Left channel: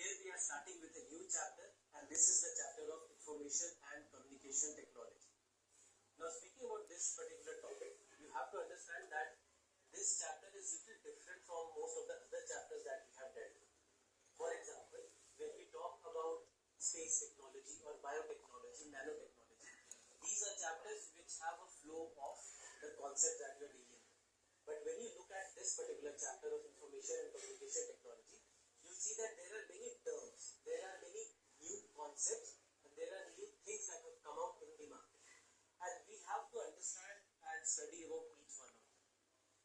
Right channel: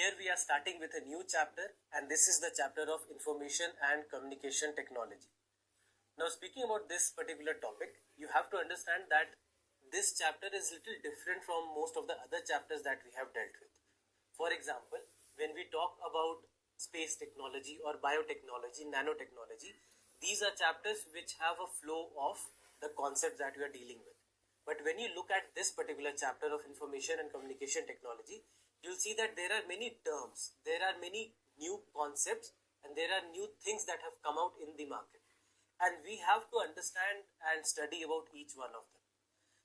Here we are starting with a new chapter, and this is the chapter of Information and Communication Technology. Now, speaking about this particular topic, you have to understand that this chapter is little different from most of the other chapters that we have dealt with. For example, when we talk about space technology or biotechnology, nanotechnology, these are chapters which have a flow of the concepts that we are dealing with. But when you look at this particular chapter of Information and Communication Technology, you'll see that there are many terms, there are many new concepts, and there are new things that have come out in the market. And we have to understand and study about each one of them.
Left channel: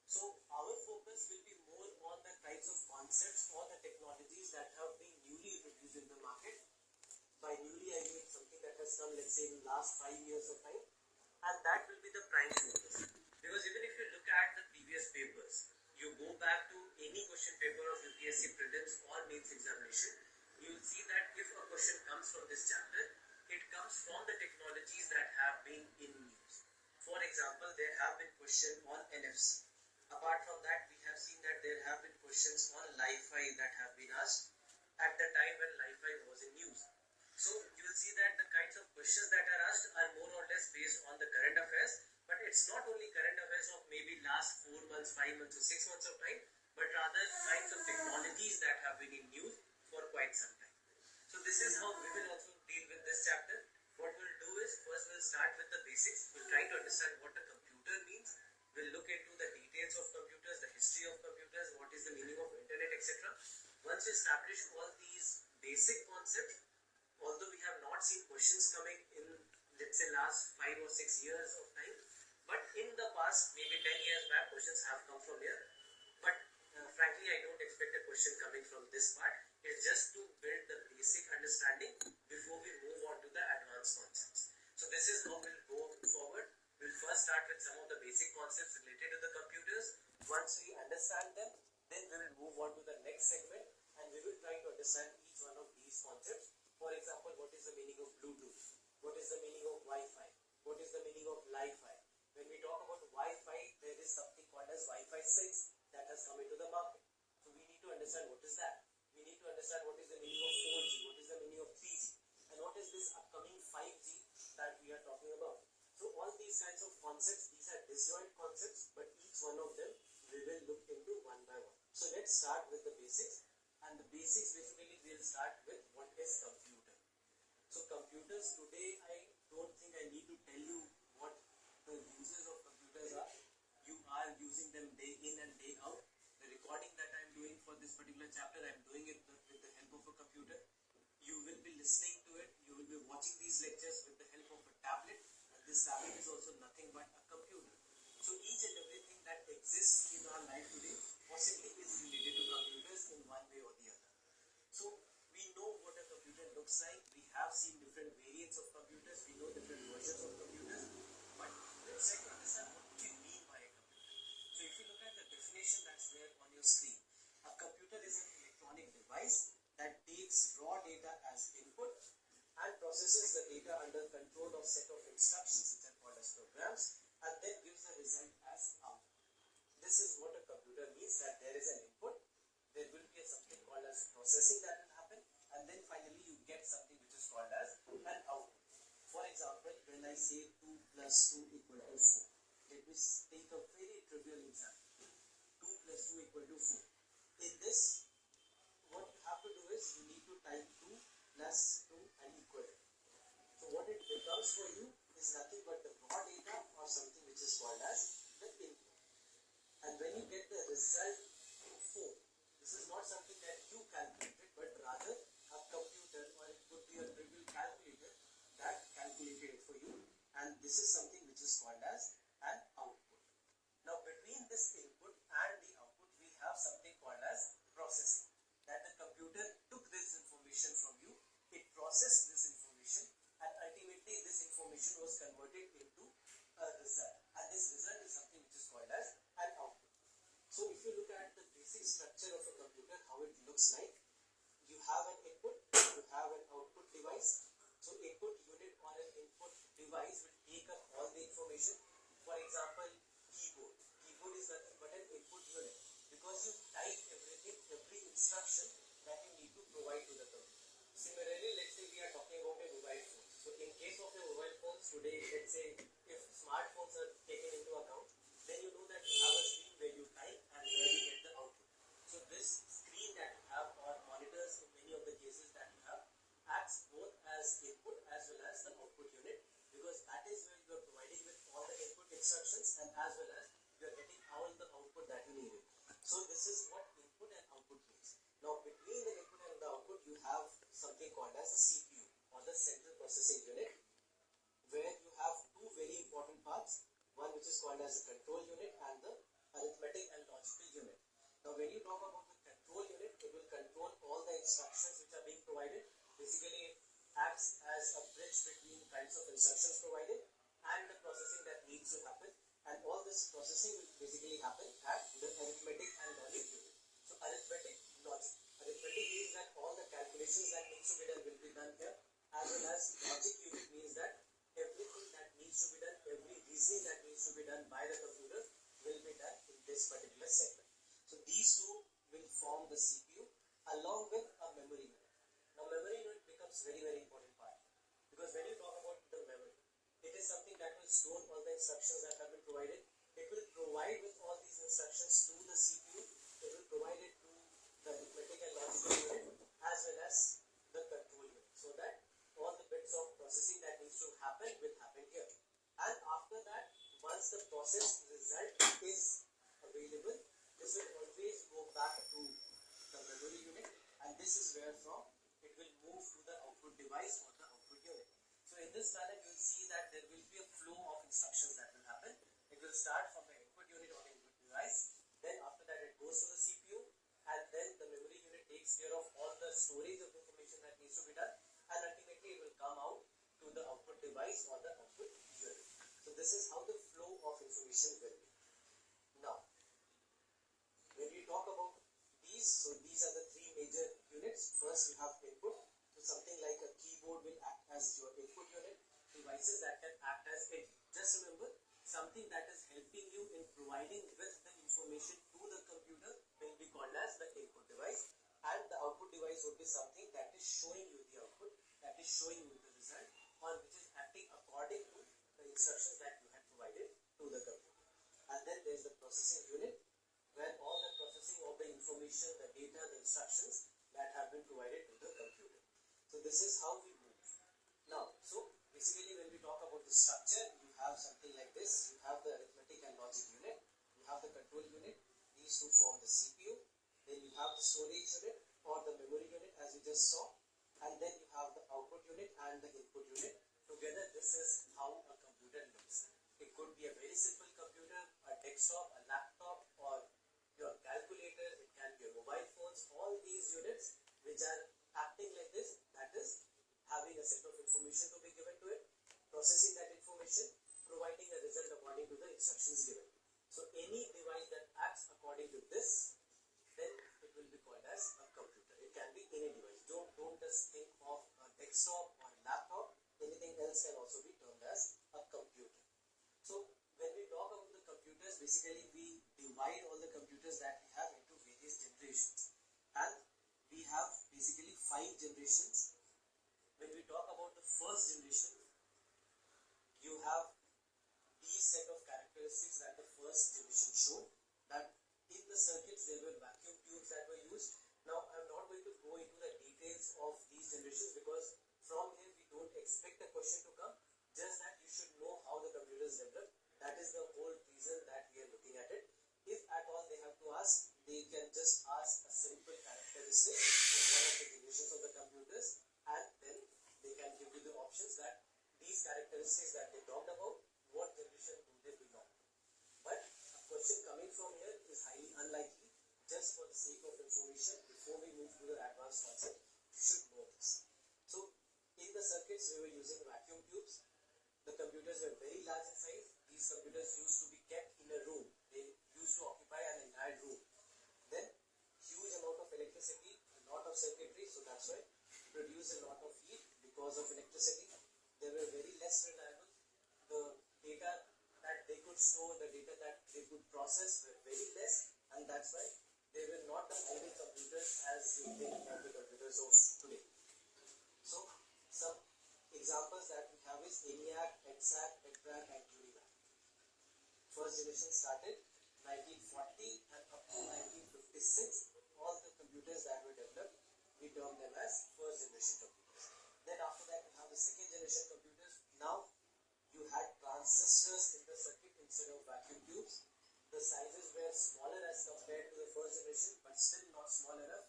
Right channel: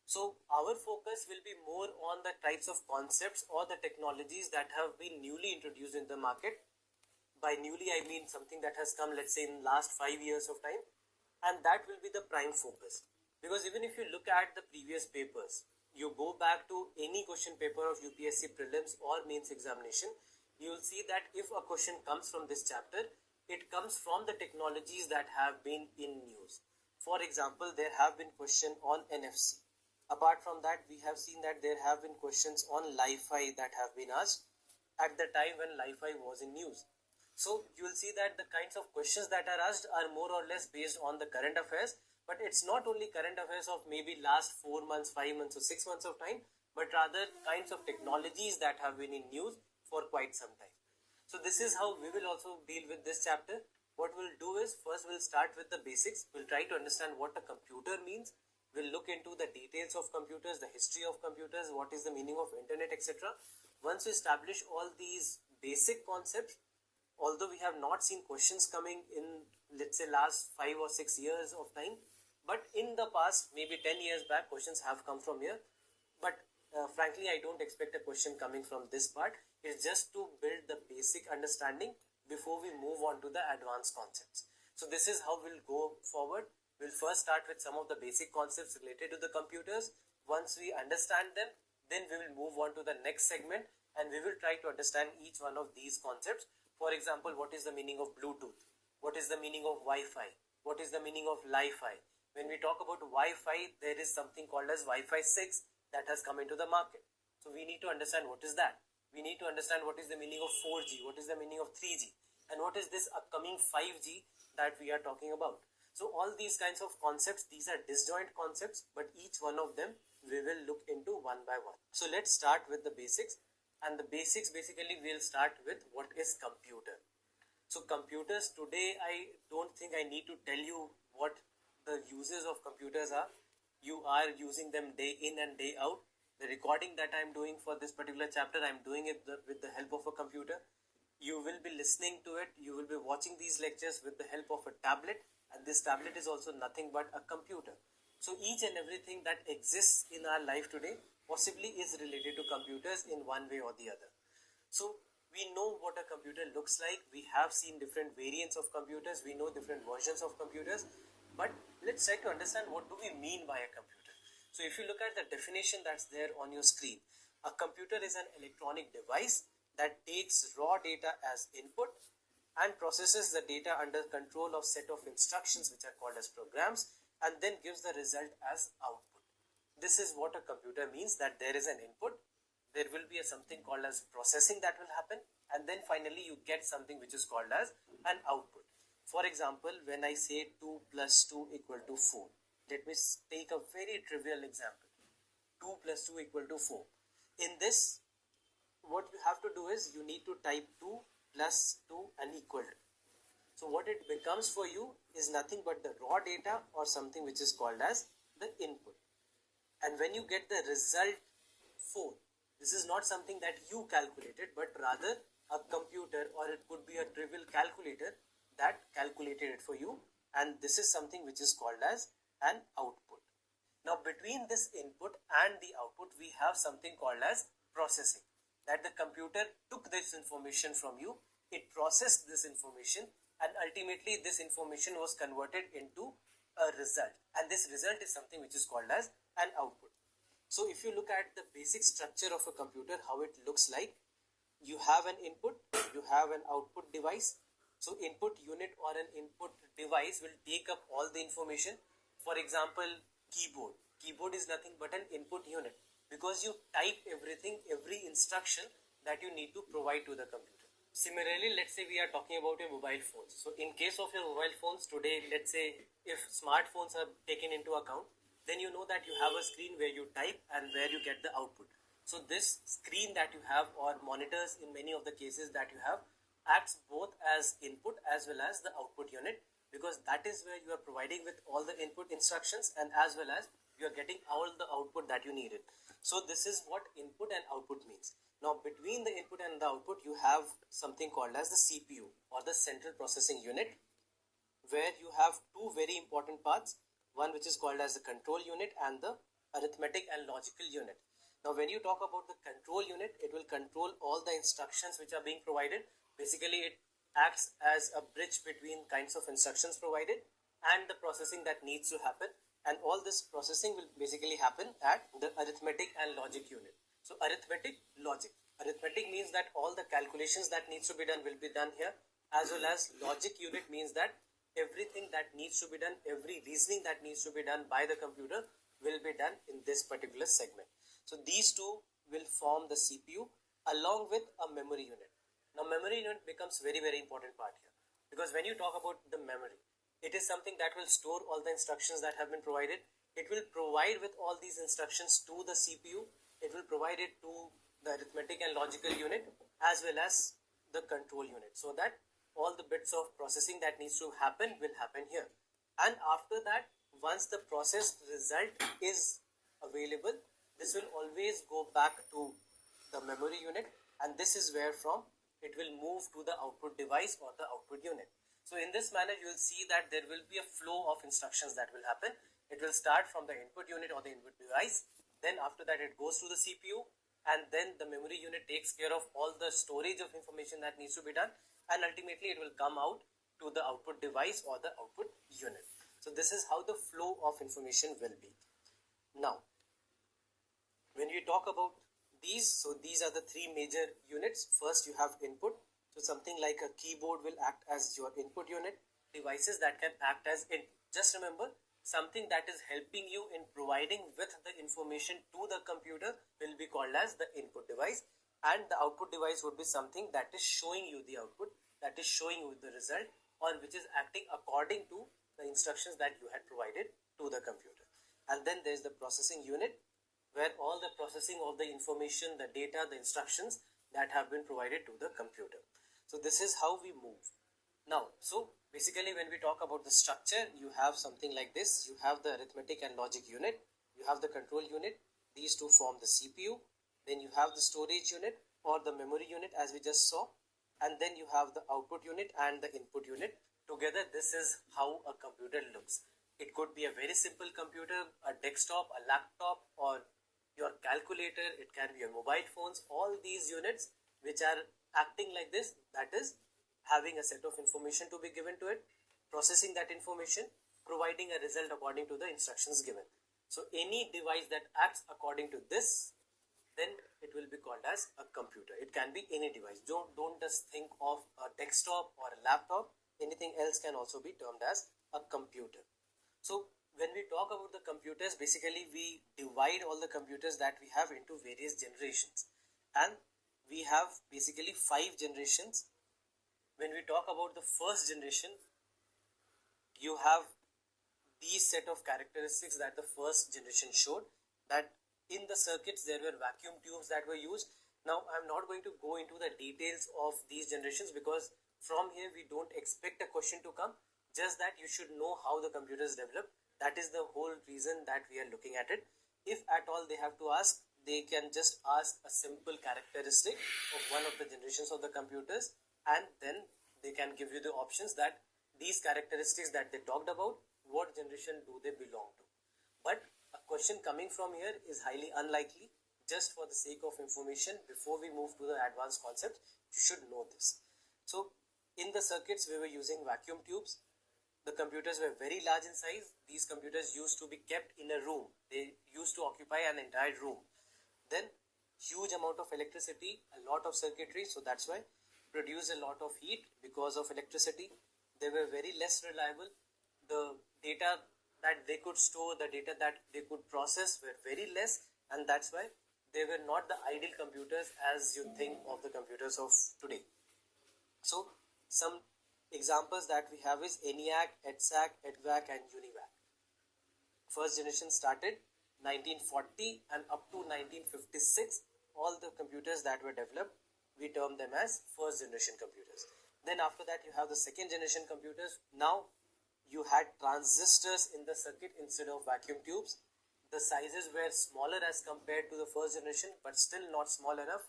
So our focus will be more on the types of concepts or the technologies that have been newly introduced in the market. By newly, I mean something that has come, let's say, in last 5 years of time, and that will be the prime focus. Because even if you look at the previous papers, you go back to any question paper of UPSC prelims or mains examination, you will see that if a question comes from this chapter, it comes from the technologies that have been in news. For example, there have been questions on NFC. Apart from that, we have seen that there have been questions on Li-Fi that have been asked at the time when Li-Fi was in news. So you will see that the kinds of questions that are asked are more or less based on the current affairs, but it's not only current affairs of maybe last 4 months, 5 months or 6 months of time, but rather kinds of technologies that have been in news for quite some time. So this is how we will also deal with this chapter. What we'll do is, first we'll start with the basics. We'll try to understand what a computer means. We'll look into the details of computers, the history of computers, what is the meaning of internet, etc. Once we establish all these basic concepts, although we have not seen questions coming in, let's say, last 5 or 6 years of time, but in the past, maybe 10 years back, questions have come from here. But frankly, I don't expect a question coming from this part. It's just to build the basic understanding before we move on to the advanced concepts. So this is how we'll go forward. We'll first start with some of the basic concepts related to the computers. Once we understand them, then we will move on to the next segment, and we will try to understand each one of these concepts. For example, what is the meaning of Bluetooth? What is the meaning of Wi-Fi? What is the meaning of Li-Fi? When we talk about Wi-Fi, there is something called as Wi-Fi 6 that has come into the market. So we need to understand what is that. We need to understand what is the meaning of 4G, what is the meaning of 3G, and what is this upcoming 5G that we are talking about. So all these kinds of concepts, these are disjoint concepts, but each one of them we will look into one by one. So let's start with the basics. And the basics, basically, we'll start with what is computer. So computers today, I don't think I need to tell you what the uses of computers are. You are using them day in and day out. The recording that I'm doing for this particular chapter, I'm doing it with the help of a computer. You will be listening to it. You will be watching these lectures with the help of a tablet. And this tablet is also nothing but a computer. So each and everything that exists in our life today possibly is related to computers in one way or the other. So we know what a computer looks like. We have seen different variants of computers. We know different versions of computers. But let's try to understand what do we mean by a computer. So if you look at the definition that's there on your screen, a computer is an electronic device that takes raw data as input and processes the data under control of set of instructions which are called as programs, and then gives the result as output. This is what a computer means, that there is an input, there will be something called as processing that will happen, and then finally you get something which is called as an output. For example, when I say 2 plus 2 equal to 4, let me take a very trivial example. 2 plus 2 equal to 4. In this, what you have to do is you need to type 2 plus 2 and equal to. So what it becomes for you is nothing but the raw data or something which is called as the input. And when you get the result 4, this is not something that you calculated, but rather a computer, or it could be a trivial calculator that calculated it for you, and this is something which is called as an output. Now between this input and the output, we have something called as processing, that the computer took this information from you, it processed this information, and ultimately this information was converted into a result, and this result is something which is called as an output. So if you look at the basic structure of a computer, how it looks like, you have an input, you have an output device. So input unit or an input device will take up all the information. For example, keyboard. Keyboard is nothing but an input unit. Because you type everything, every instruction that you need to provide to the computer. Similarly, let's say we are talking about your mobile phones. So in case of your mobile phones today, let's say if smartphones are taken into account, then you know that you have a screen where you type and where you get the output. So this screen that you have, or monitors in many of the cases that you have, acts both as input as well as the output unit, because that is where you are providing with all the input instructions and as well as you are getting all the output that you needed. So this is what input and output means. Now between the input and the output you have something called as the CPU, or the central processing unit, where you have two very important parts, one which is called as the control unit and the arithmetic and logical unit. Now when you talk about the control unit, it will control all the instructions which are being provided. Basically it acts as a bridge between kinds of instructions provided and the processing that needs to happen, and all this processing will basically happen at the arithmetic and logic unit. So arithmetic, logic. Arithmetic means that all the calculations that needs to be done will be done here, as well as logic unit means that everything that needs to be done, every reasoning that needs to be done by the computer will be done in this particular segment. So these two will form the CPU along with a memory unit. Now memory unit becomes very important part here, because when you talk about the memory, it is something that will store all the instructions that have been provided. It will provide with all these instructions to the CPU. It will provide it to the arithmetic and logical unit as well as the control unit, so that all the bits of processing that needs to happen will happen here. And after that, once the process result is available, this will always go back to the memory unit, and this is where from it will move to the output device or the output unit. So in this manner you will see that there will be a flow of instructions that will happen. It will start from the input unit or the input device, then after that it goes to the CPU, and then the memory unit takes care of all the storage of information that needs to be done, and ultimately it will come out to the output device or the output unit. So this is how the flow of information will be. Now when we talk about these, so these are the three major units. First you have input, so something like a keyboard will act as your input unit. Devices that can act as in, just remember, something that is helping you in providing with the information to the computer will be called as the input device, and the output device would be something that is showing you the output, that is showing you the result, or which is acting according to the instructions that you had provided to the computer. And then there is the processing unit, where all the processing of the information, the data, the instructions that have been provided to the computer. So this is how we move. Now, so basically when we talk about the structure, you have something like this. You have the arithmetic and logic unit, you have the control unit, these two form the CPU, then you have the storage unit or the memory unit as we just saw, and then you have the output unit and the input unit. Together this is how a computer looks. It could be a very simple computer, a desktop, a laptop, or your calculator, it can be your mobile phones. All these units which are acting like this, that is having a set of information to be given to it, processing that information, providing a result according to the instructions given. So any device that acts according to this, then it will be called as a computer. It can be any device. Don't just think of a desktop or a laptop. Anything else can also be termed as a computer. So when we talk about the computers, basically we divide all the computers that we have into various generations, and we have basically 5 generations. When we talk about the first generation, you have these set of characteristics that the first generation showed, that in the circuits there were vacuum tubes that were used. Now I'm not going to go into the details of these generations, because from here we don't expect a question to come, just that you should know how the computer is developed. That is the whole reason that we are looking at it. If at all they have to ask, they can just ask a simple characteristic of one of the generations of the computers, and then they can give you the options that these characteristics that they talked about, what generation do they belong to. But a question coming from here is highly unlikely. Just for the sake of information, before we move to the advanced concept, you should know this. So in the circuits we were using vacuum tubes. The computers were very large in size. These computers used to be kept in a room. They used to occupy an entire room. Then huge amount of electricity, a lot of circuitry, so that's why produce a lot of heat because of electricity. They were very less reliable. The data that they could store, the data that they could process were very less, and that's why they were not the ideal computers as you think of the computers of today. So some examples that we have is ENIAC, EDSAC, EDVAC and UNIVAC. First generation started 1940 and up to 1956. All the computers that were developed, we term them as first generation computers. Then after that you have the second generation computers. Now you had transistors in the circuit instead of vacuum tubes. The sizes were smaller as compared to the first generation, but still not small enough.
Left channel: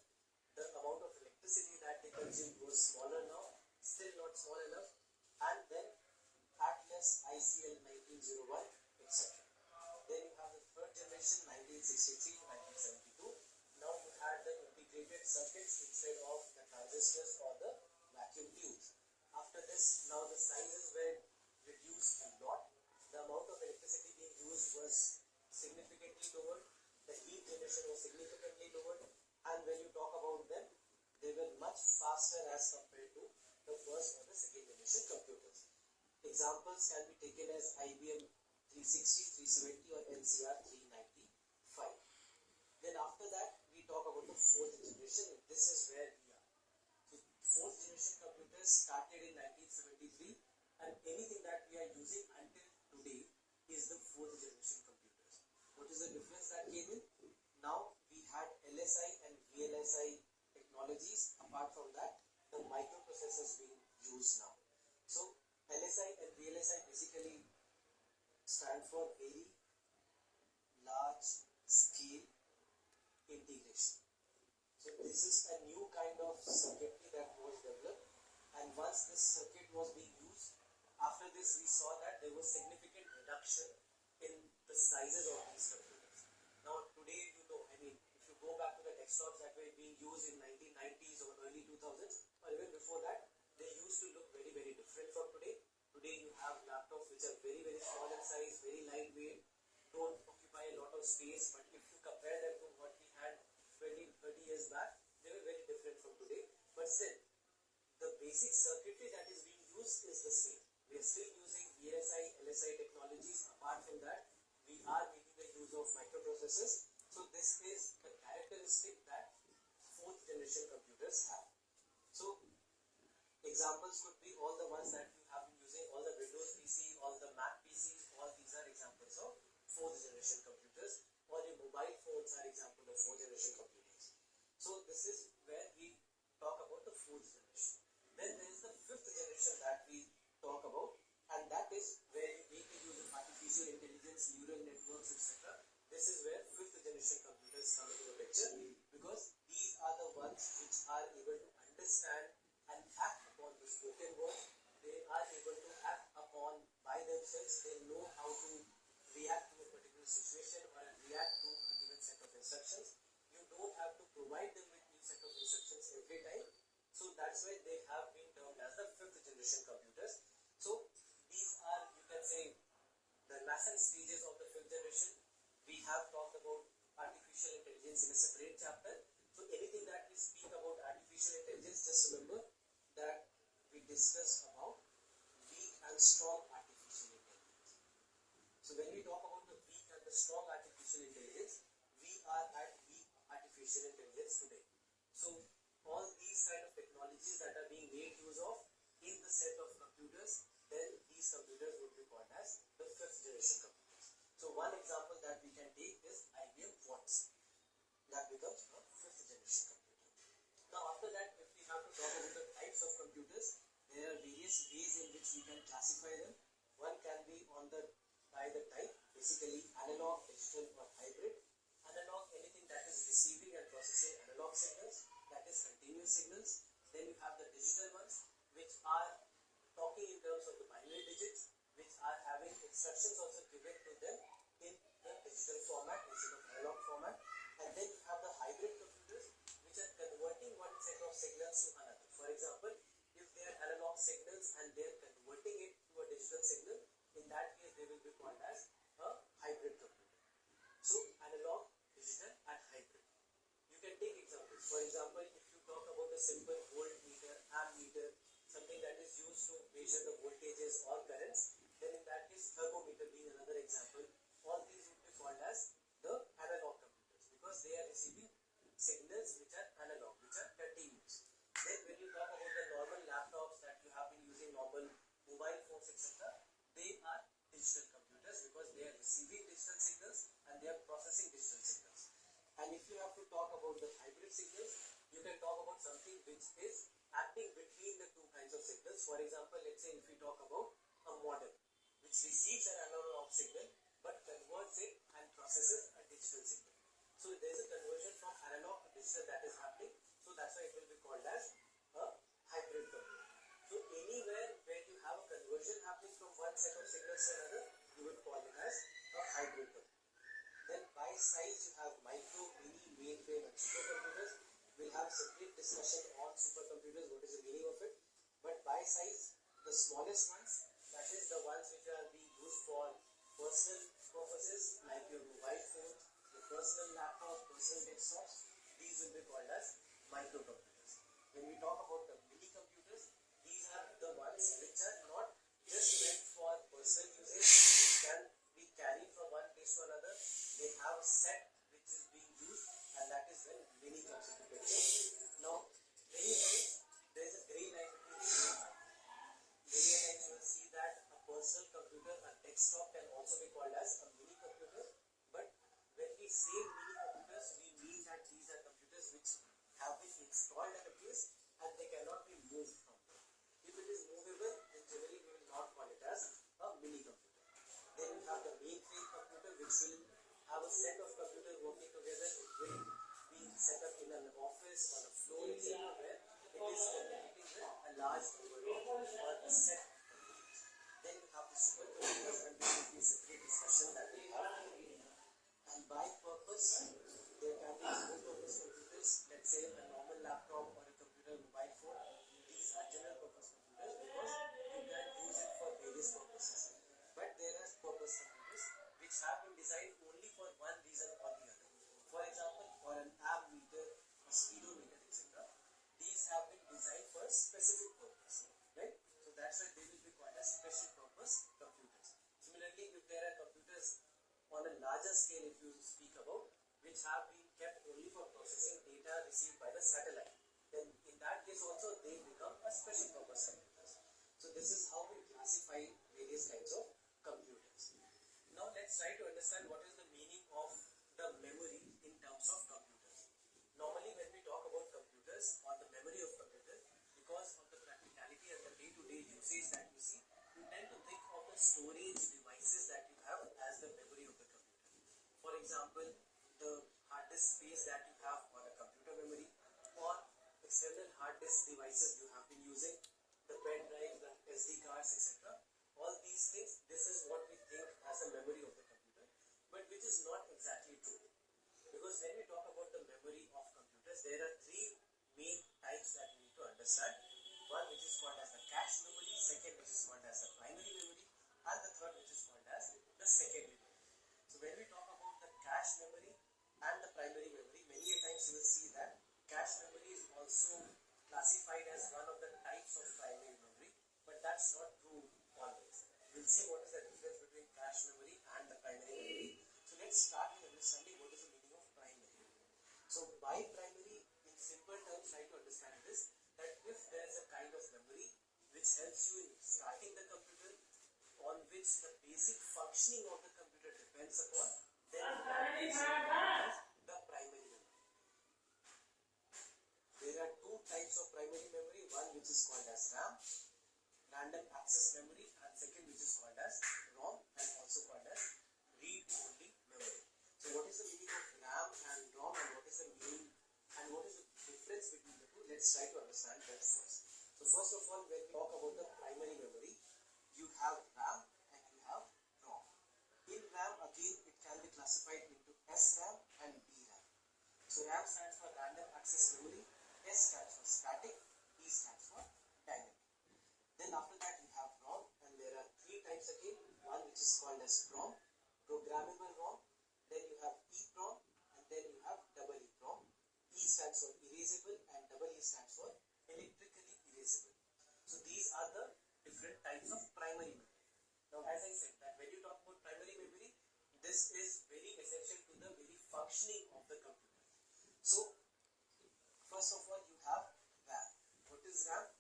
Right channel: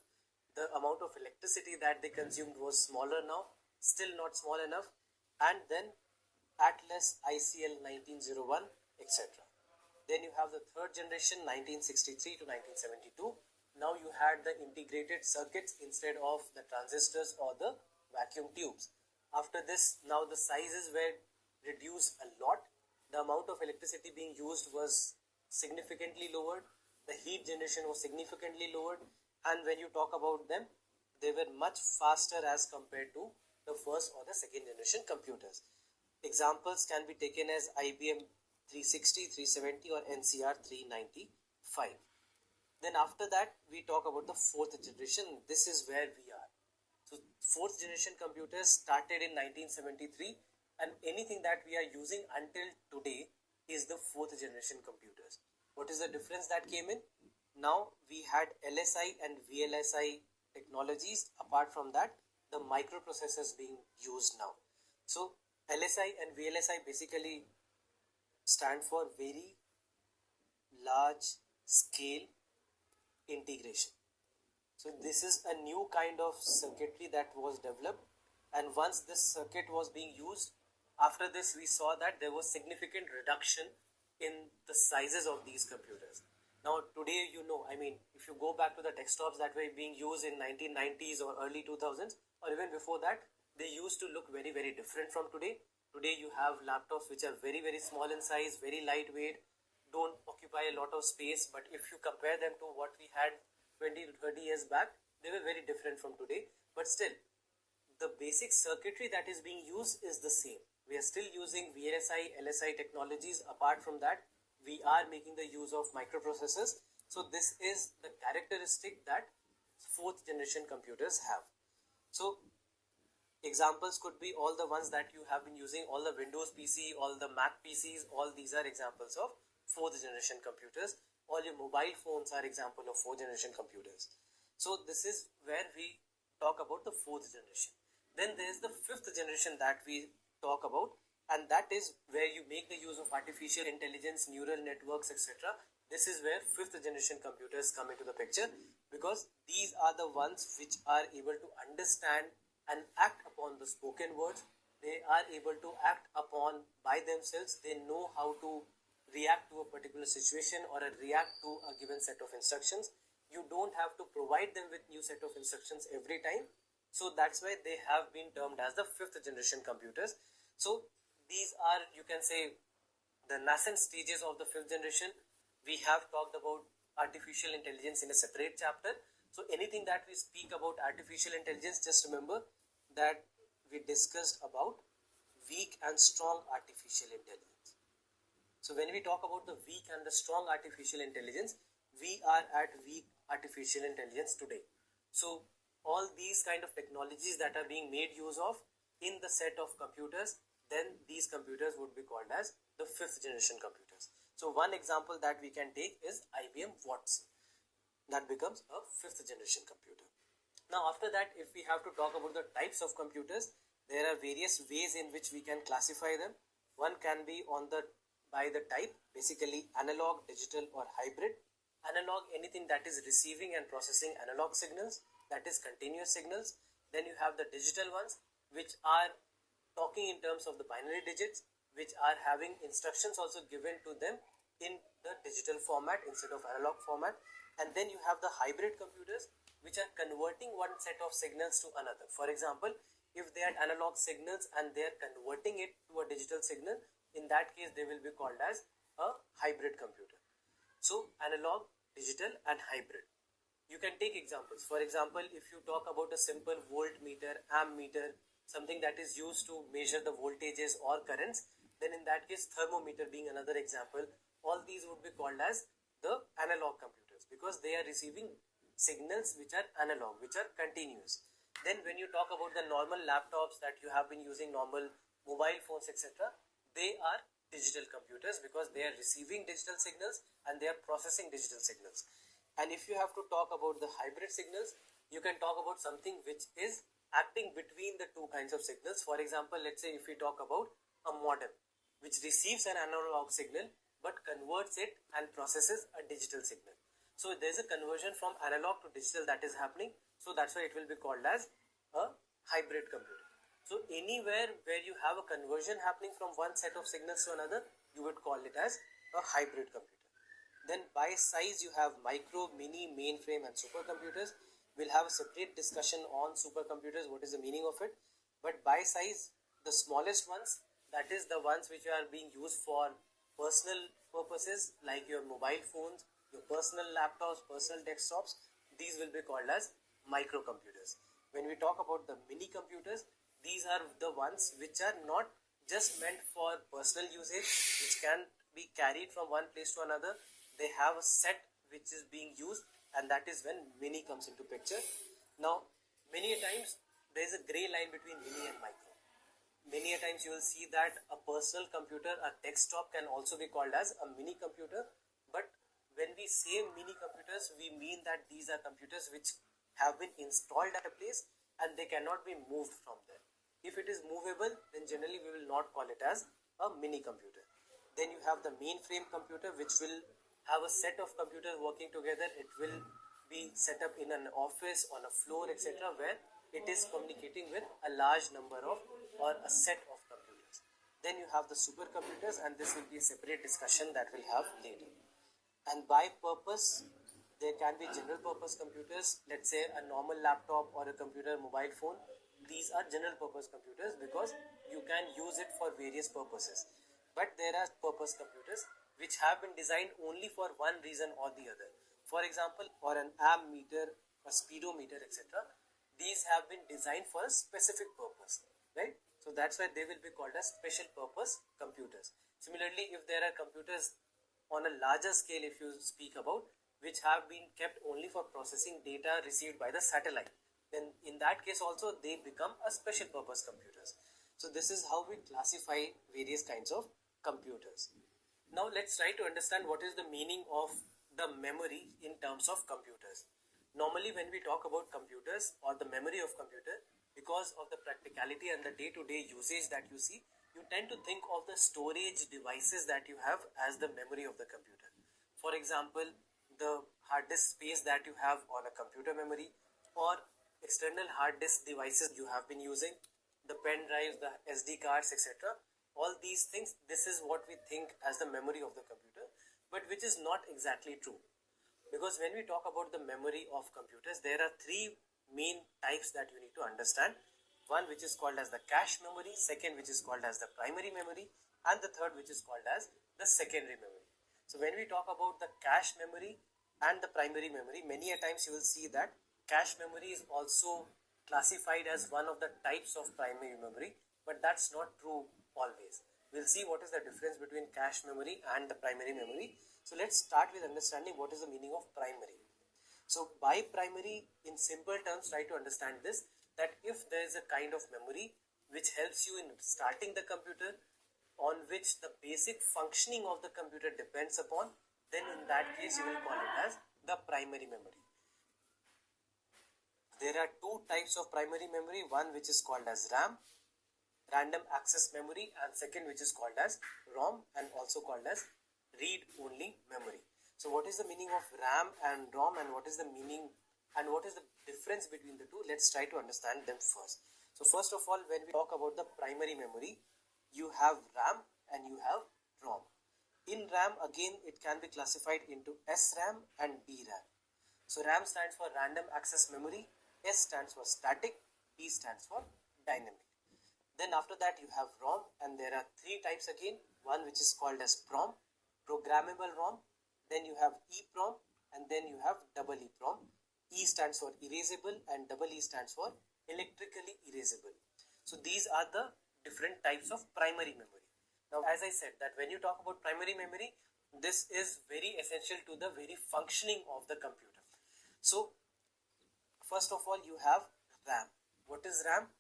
The amount of electricity that they consumed was smaller now, still not small enough. And then Atlas, ICL 1901, etc. Then you have the third generation 1963 to 1972. Now you had the integrated circuits instead of the transistors or the vacuum tubes. After this, now the sizes were reduced a lot. The amount of electricity being used was significantly lowered. The heat generation was significantly lowered. And when you talk about them, they were much faster as compared to the first or the second generation computers. Examples can be taken as IBM 360, 370 or NCR 395. Then after that we talk about the fourth generation. This is where we are. So fourth generation computers started in 1973 and anything that we are using until today is the fourth generation computers. What is the difference that came in? Now we had LSI and VLSI technologies. Apart from that, the microprocessors being used now. So LSI and VLSI basically stand for very large scale integration. So this is a new kind of circuitry that was developed, and once this circuit was being used, after this we saw that there was significant reduction in the sizes of these computers. Now today, if you go back to the desktops that were being used in 1990s or early 2000s or even before that, they used to look very different from today. Today you have laptops which are very small in size, very lightweight, don't occupy a lot of space, but if you compare them to what we had 20 to 30 years back, they were very different from today. But still, the basic circuitry that is being used is the same. We are still using VLSI, LSI technologies. Apart from that, we are making the use of microprocessors. So this is the characteristic that fourth generation computers have. So examples could be all the ones that you have been using, all the Windows PC, all the Mac PCs, all these are examples of fourth generation computers. All your mobile phones are example of fourth generation computers. So this is where we talk about the fourth generation. Then there is the fifth generation that we talk about, and that is where you make the use of artificial intelligence, neural networks, etc. This is where fifth generation computers come into the picture, because these are the ones which are able to understand and act upon the spoken words. They are able to act upon by themselves. They know how to react to a particular situation or react to a given set of instructions. You don't have to provide them with new set of instructions every time. So that's why they have been termed as the fifth generation computers. So these are, you can say, the nascent stages of the fifth generation. We have talked about artificial intelligence in a separate chapter. So anything that we speak about artificial intelligence, just remember that we discussed about weak and strong artificial intelligence. So when we talk about the weak and the strong artificial intelligence, we are at weak artificial intelligence today. So all these kind of technologies that are being made use of in the set of computers, then these computers would be called as the fifth generation computers. So one example that we can take is IBM Watson. That becomes a fifth generation computer. Now after that, if we have to talk about the types of computers, there are various ways in which we can classify them. One can be by the type, basically analog, digital or hybrid. Analog, anything that is receiving and processing analog signals, that is continuous signals. Then you have the digital ones, which are talking in terms of the binary digits, which are having instructions also given to them in the digital format instead of analog format. And then you have the hybrid computers, which are converting one set of signals to another. For example, if they are analog signals and they are converting it to a digital signal, in that case they will be called as a hybrid computer. So analog, digital and hybrid. You can take examples. For example, if you talk about a simple voltmeter, ammeter, something that is used to measure the voltages or currents, then in that case thermometer being another example, all these would be called as the analog computers, because they are receiving signals which are analog, which are continuous. Then when you talk about the normal laptops that you have been using, normal mobile phones, etc., they are digital computers because they are receiving digital signals and they are processing digital signals. And if you have to talk about the hybrid signals, you can talk about something which is acting between the two kinds of signals. For example, let's say if we talk about a modem which receives an analog signal but converts it and processes a digital signal. So there is a conversion from analog to digital that is happening. So that's why it will be called as a hybrid computer. So anywhere where you have a conversion happening from one set of signals to another, you would call it as a hybrid computer. Then by size you have micro, mini, mainframe and supercomputers. We'll have a separate discussion on supercomputers, what is the meaning of it. But by size, the smallest ones, that is the ones which are being used for personal purposes like your mobile phones, your personal laptops, personal desktops, these will be called as microcomputers. When we talk about the mini computers, these are the ones which are not just meant for personal usage, which can be carried from one place to another. They have a set which is being used, and that is when mini comes into picture. Now, many times there is a gray line between mini and micro. Many a times you will see that a personal computer, a desktop can also be called as a mini computer, but when we say mini computers, we mean that these are computers which have been installed at a place and they cannot be moved from there. If it is movable, then generally we will not call it as a mini computer. Then you have the mainframe computer, which will have a set of computers working together. It will be set up in an office, on a floor, etc., where it is communicating with a large number of or a set of computers. Then you have the supercomputers, and this will be a separate discussion that we'll have later. And by purpose, there can be general purpose computers, let's say a normal laptop or a computer, mobile phone. These are general purpose computers because you can use it for various purposes. But there are purpose computers which have been designed only for one reason or the other. For example, for an ammeter, a speedometer, etc., these have been designed for a specific purpose, right? So that's why they will be called as special purpose computers. Similarly, if there are computers on a larger scale, if you speak about, which have been kept only for processing data received by the satellite, then in that case also they become a special purpose computers. So this is how we classify various kinds of computers. Now let's try to understand what is the meaning of the memory in terms of computers. Normally when we talk about computers or the memory of computer, because of the practicality and the day-to-day usage that you see, you tend to think of the storage devices that you have as the memory of the computer. For example, the hard disk space that you have on a computer memory, or external hard disk devices you have been using, the pen drives, the SD cards, etc. All these things, this is what we think as the memory of the computer, but which is not exactly true. Because when we talk about the memory of computers, there are three main types that you need to understand. One which is called as the cache memory, second which is called as the primary memory, and the third which is called as the secondary memory. So when we talk about the cache memory and the primary memory, many a times you will see that cache memory is also classified as one of the types of primary memory, but that's not true always. We'll see what is the difference between cache memory and the primary memory. So let's start with understanding what is the meaning of primary. So by primary, in simple terms, try to understand this, that if there is a kind of memory which helps you in starting the computer, on which the basic functioning of the computer depends upon, then in that case you will call it as the primary memory. There are two types of primary memory, one which is called as RAM, random access memory, and second which is called as ROM and also called as read-only memory. So what is the meaning of RAM and ROM, and what is the meaning and what is the difference between the two? Let's try to understand them first. So first of all, when we talk about the primary memory, you have RAM and you have ROM. In RAM, again, it can be classified into SRAM and DRAM. So RAM stands for random access memory, S stands for static, D stands for dynamic. Then after that you have ROM, and there are three types again. One which is called as PROM, programmable ROM, then you have EPROM, and then you have EEPROM. E stands for erasable and EE stands for electrically erasable. So these are the different types of primary memory. Now as I said that when you talk about primary memory, this is very essential to the very functioning of the computer. So first of all, you have RAM. What is RAM?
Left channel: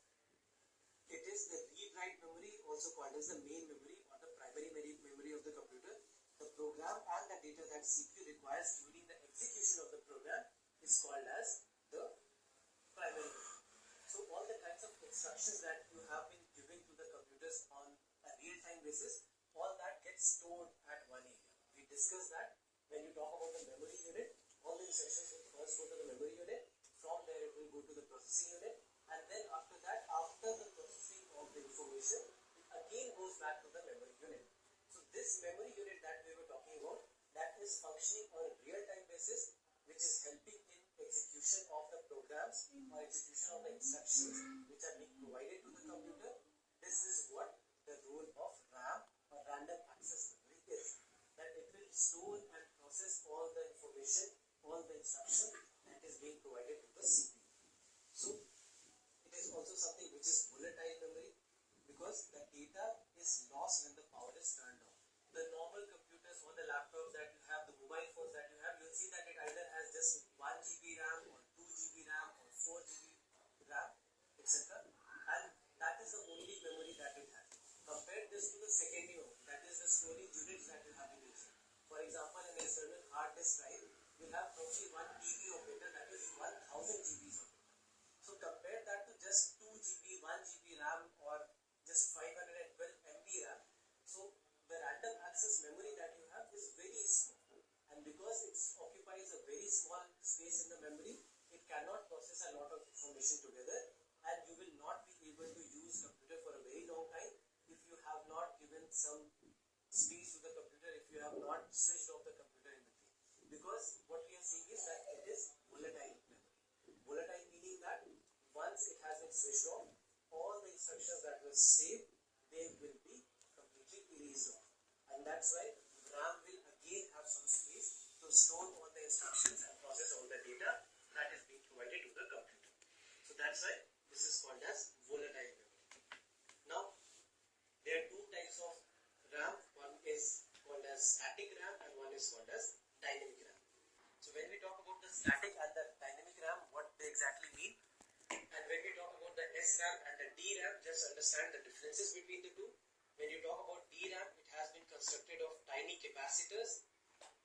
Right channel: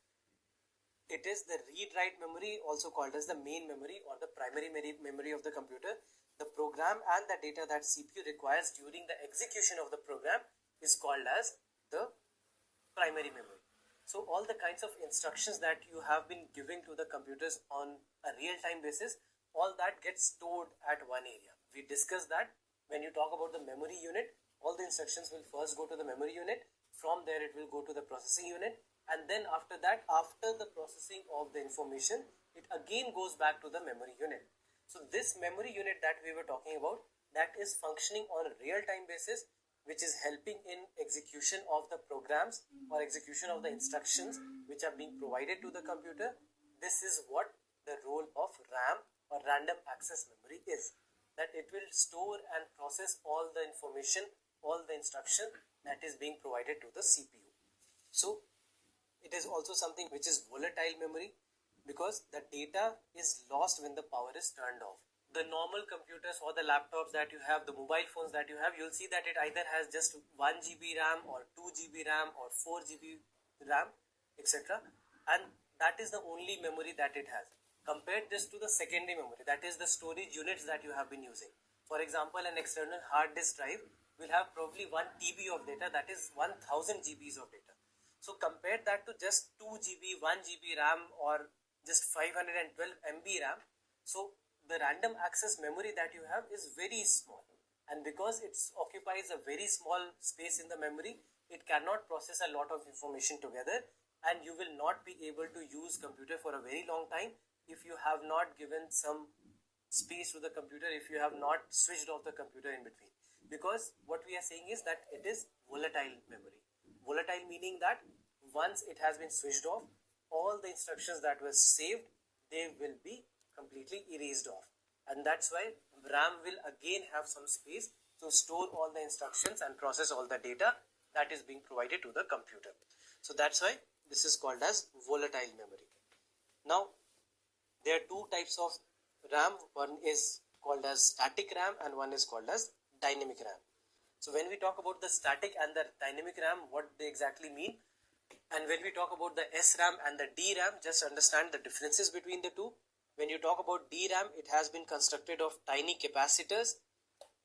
It is the read-write memory, also called as the main memory or the primary memory of the computer. The program and the data that CPU requires during the execution of the program is called as the primary memory. So all the kinds of instructions that you have been giving to the computers on a real-time basis, all that gets stored at one area. We discussed that when you talk about the memory unit, all the instructions will first go to the memory unit. From there it will go to the processing unit, and then after that, after the processing of the information, it again goes back to the memory unit. So this memory unit that we were talking about, that is functioning on a real-time basis, which is helping in execution of the programs or execution of the instructions which are being provided to the computer. This is what the role of RAM or random access memory is, that it will store and process all the information, all the instruction that is being provided to the CPU. So it is also something which is volatile memory, because the data is lost when the power is turned off. The normal computers or the laptops that you have, the mobile phones that you have, you'll see that it either has just 1 GB RAM or 2 GB RAM or 4 GB RAM, etc. And that is the only memory that it has. Compare this to the secondary memory, that is the storage units that you have been using. For example, an external hard disk drive will have probably 1 TB of data, that is 1000 GBs of data. So compare that to just 2 GB, 1 GB RAM or just 512 MB RAM. So the random access memory that you have is very small, and because it occupies a very small space in the memory, it cannot process a lot of information together, and you will not be able to use computer for a very long time if you have not given some space to the computer, if you have not switched off the computer in between. Because what we are saying is that it is volatile memory. Volatile meaning that once it has been switched off, all the instructions that were saved, they will be completely erased off. And that's why RAM will again have some space to store all the instructions and process all the data that is being provided to the computer. So that's why this is called as volatile memory. Now, there are two types of RAM. One is called as static RAM and one is called as dynamic RAM. So when we talk about the static and the dynamic RAM, what they exactly mean, and when we talk about the SRAM and the DRAM, just understand the differences between the two. When you talk about DRAM, it has been constructed of tiny capacitors.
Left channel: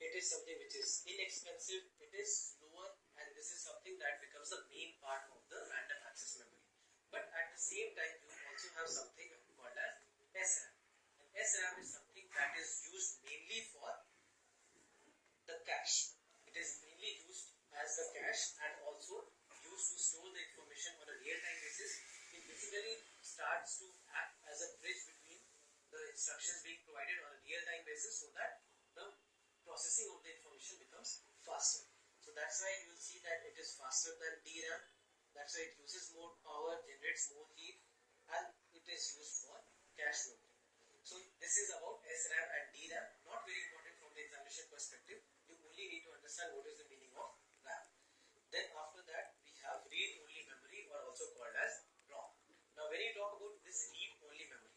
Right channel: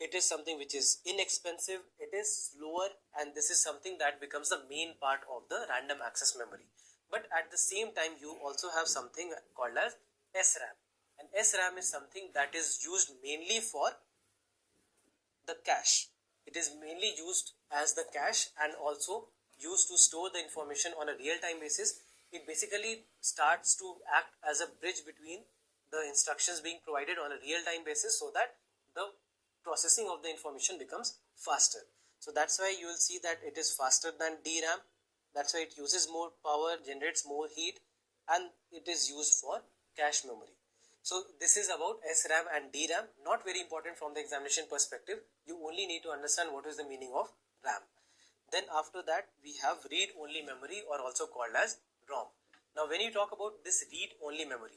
It is something which is inexpensive, it is slower, and this is something that becomes the main part of the random access memory. But at the same time, you also have something called as SRAM. And SRAM is something that is used mainly for the cache. It is mainly used as the cache and also used to store the information on a real-time basis. It basically starts to act as a bridge between the instructions being provided on a real-time basis, so that the processing of the information becomes faster. So that's why you will see that it is faster than DRAM. That's why it uses more power, generates more heat, and it is used for cache memory. So this is about SRAM and DRAM, not very important from the examination perspective. You only need to understand what is the meaning of RAM. Then after that, we have read-only memory, or also called as ROM. Now when you talk about this read-only memory,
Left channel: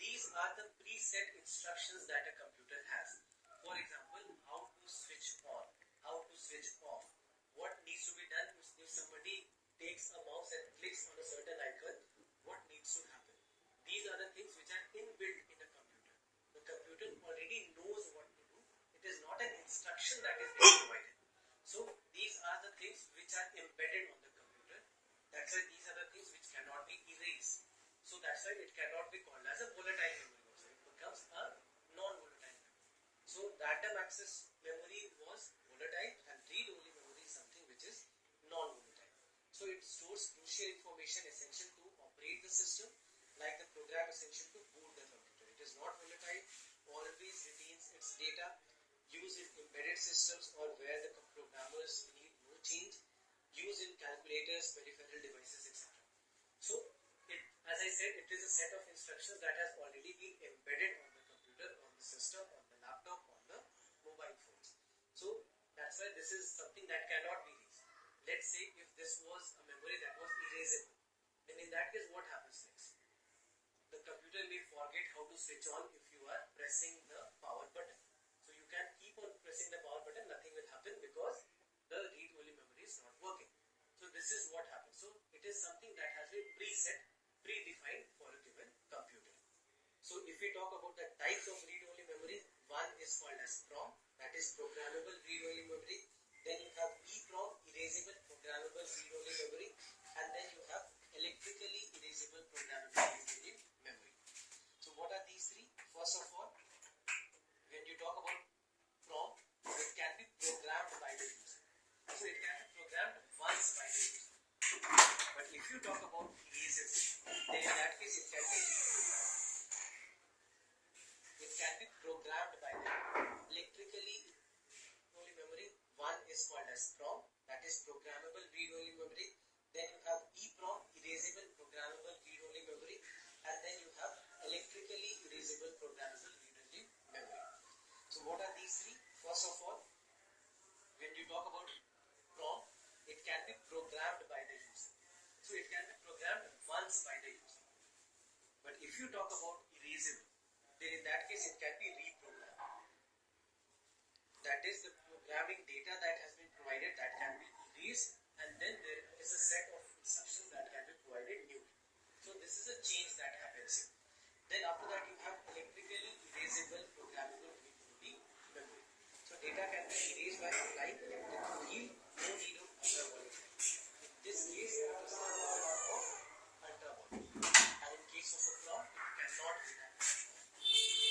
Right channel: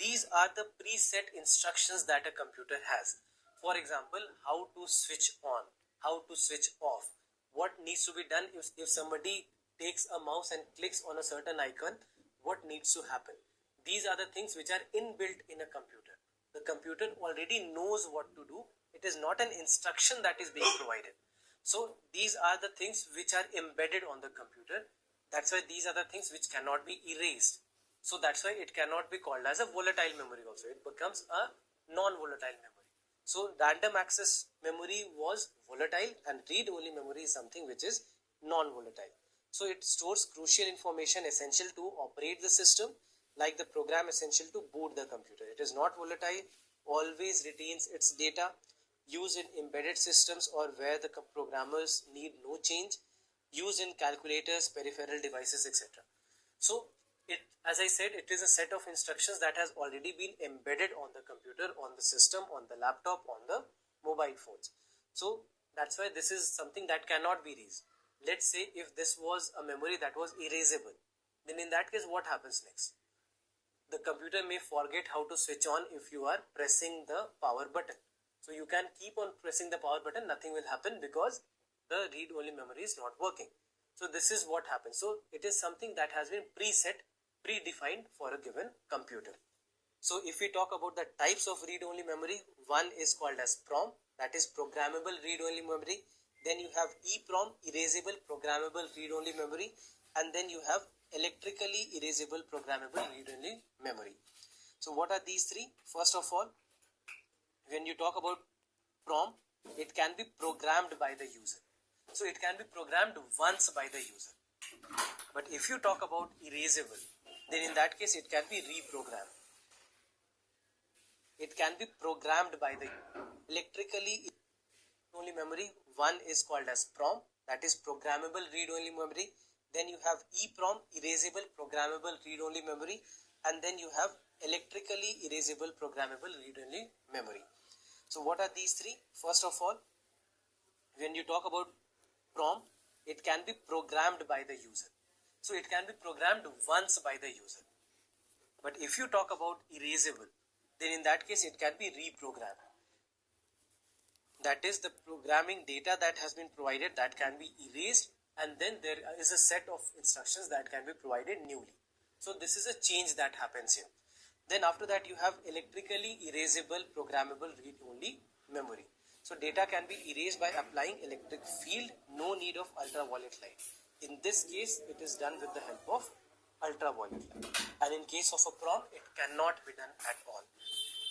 these are the preset instructions that a computer has. For example, how to switch on, how to switch off, what needs to be done if somebody takes a mouse and clicks on a certain icon, what needs to happen. These are the things which are inbuilt in a computer. The computer already knows what to do. It is not an instruction that is being provided. So these are the things which are embedded on the computer. That's why these are the things which cannot be erased. So that's why it cannot be called as a volatile memory also. It becomes a non-volatile memory. So random access memory was volatile, and read-only memory is something which is non-volatile. So it stores crucial information essential to operate the system, like the program essential to boot the computer. It is not volatile, always retains its data, used in embedded systems or where the programmers need no change, used in calculators, peripheral devices, etc. So as I said, it is a set of instructions that has already been embedded on the computer, on the system, on the laptop, on the mobile phones. So that's why this is something that cannot be erased. Let's say if this was a memory that was erasable, then in that case what happens next? The computer may forget how to switch on if you are pressing the power button. So you can keep on pressing the power button, nothing will happen because the read-only memory is not working. So this is what happens. So it is something that has been predefined for a given computer. So if we talk about the types of read-only memory, one is called as PROM, that is programmable read-only memory. Then you have EPROM, erasable programmable read-only memory, and then you have electrically erasable programmable read-only memory. So what are these three? First of all, when you talk about PROM, it can be programmed by the user. So it can be programmed once by the user. But if you talk about erasable, then in that case it can be reprogrammed. It can be programmed by the electrically only memory. One is called as PROM, that is programmable read-only memory. Then you have EPROM, erasable programmable read-only memory, and then you have electrically erasable programmable read-only memory. So what are these three? First of all, when you talk about PROM, it can be programmed by the user. So it can be programmed once by the user. But if you talk about erasable, then in that case it can be reprogrammed. That is, the programming data that has been provided, that can be erased, and then there is a set of instructions that can be provided newly. So this is a change that happens here. Then after that you have electrically erasable programmable read-only memory. So data can be erased by applying electric field, no need of ultraviolet light. In this case it is done with the help of ultraviolet light, and in case of a PROM it cannot be done at all.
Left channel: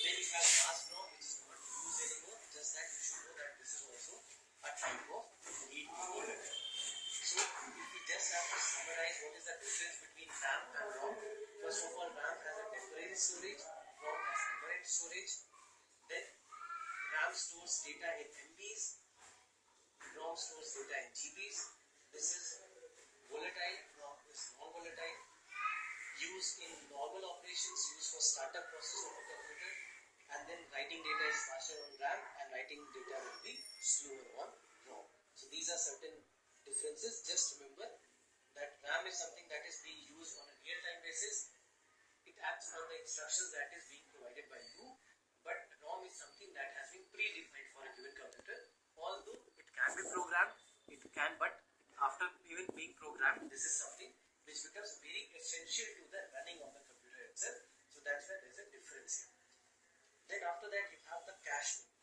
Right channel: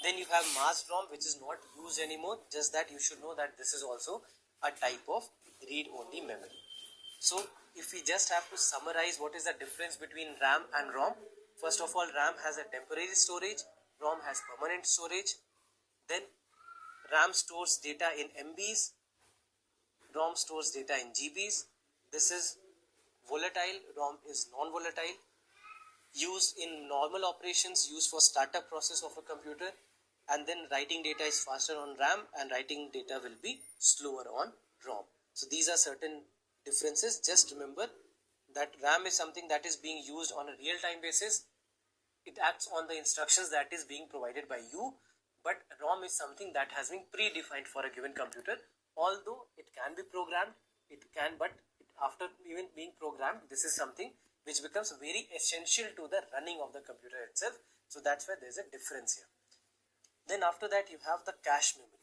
Then you have mass PROM, which is not used anymore, just that you should know that this is also a type of read-only memory. So if we just have to summarize what is the difference between RAM and ROM, first of all, RAM has a temporary storage, ROM has permanent storage. Then RAM stores data in MBs, ROM stores data in GBs. This is volatile, ROM is non-volatile. Used in normal operations, used for startup process of a computer, and then writing data is faster on RAM and writing data will be slower on ROM. So these are certain differences. Just remember that RAM is something that is being used on a real-time basis. It acts on the instructions that is being provided by you, but ROM is something that has been predefined for a given computer. Although it can be programmed, but after even being programmed, this is something which becomes very essential to the running of the computer itself. So that's why there's a difference here. Then after that you have the cache memory.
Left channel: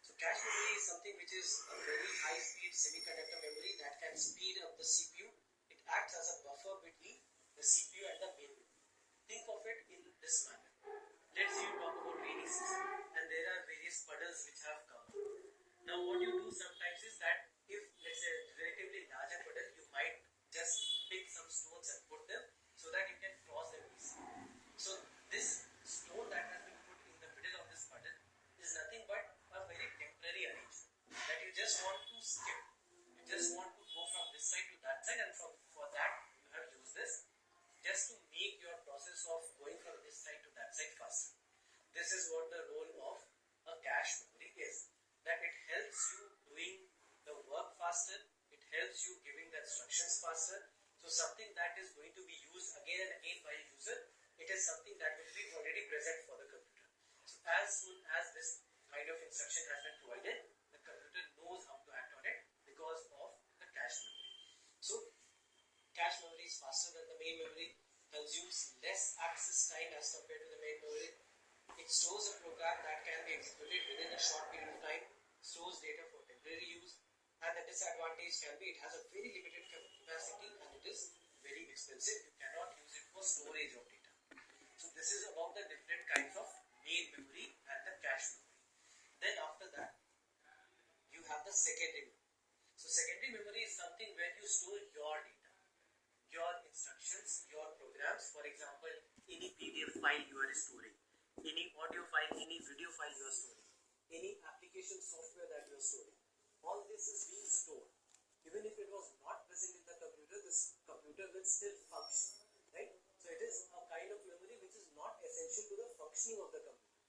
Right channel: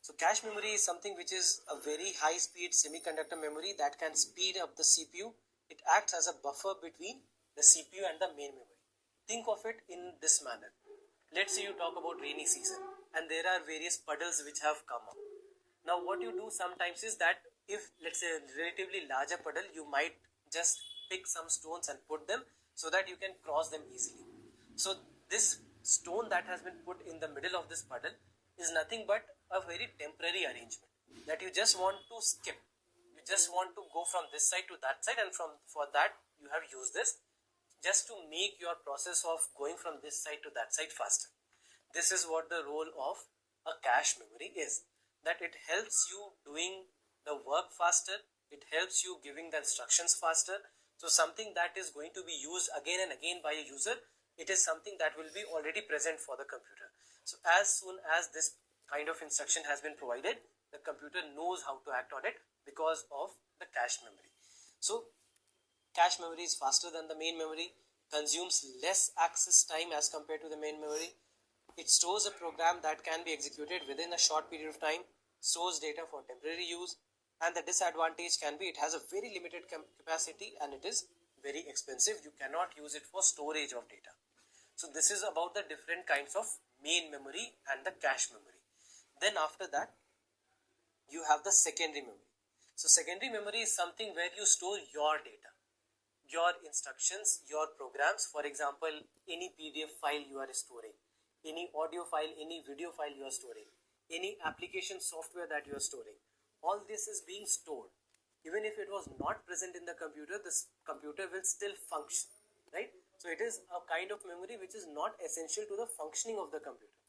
So cache memory is something which is a very high speed semiconductor memory that can speed up the CPU. It acts as a buffer between the CPU and the main memory. Think of it in this manner. Let's say you talk about rainy season and there are various puddles which have come up. Now what you do sometimes is that if let's say a relatively larger puddle, you might just pick some stones and put them so that you can cross them easily. So this stone that has been put in the middle of this puddle is nothing but a very temporary arrangement that you just want to skip. You just want to go from this side to that side, and for that you have used this just to make your process of going from this side to that side faster. This is what the role of a cache memory is, that it helps you doing the work faster, it helps you giving the instructions faster. So something that is going to be used again and again by a user, it is something that will be already present for the computer. So as soon as this kind of instruction has been provided, the computer knows how to act on it because of the cache memory. So cache memory is faster than the main memory, consumes less access time as compared to the main memory. It stores a program that can be executed within a short period of time, stores data for temporary use, and the disadvantage can be it has a very limited capacity and it is very expensive. You cannot use it for storage of data. So this is about the different kinds of main memory and the cache memory. Then after that you have the secondary memory. So secondary memory is something where you store your data, your instructions, your programs. For example, any PDF file you are storing, any audio file, any video file you are storing, any application software that you are storing. All this is being stored. Even if it was not present in the computer, this computer will still function, right? So it is a kind of memory which is not essential to the functioning of the computer.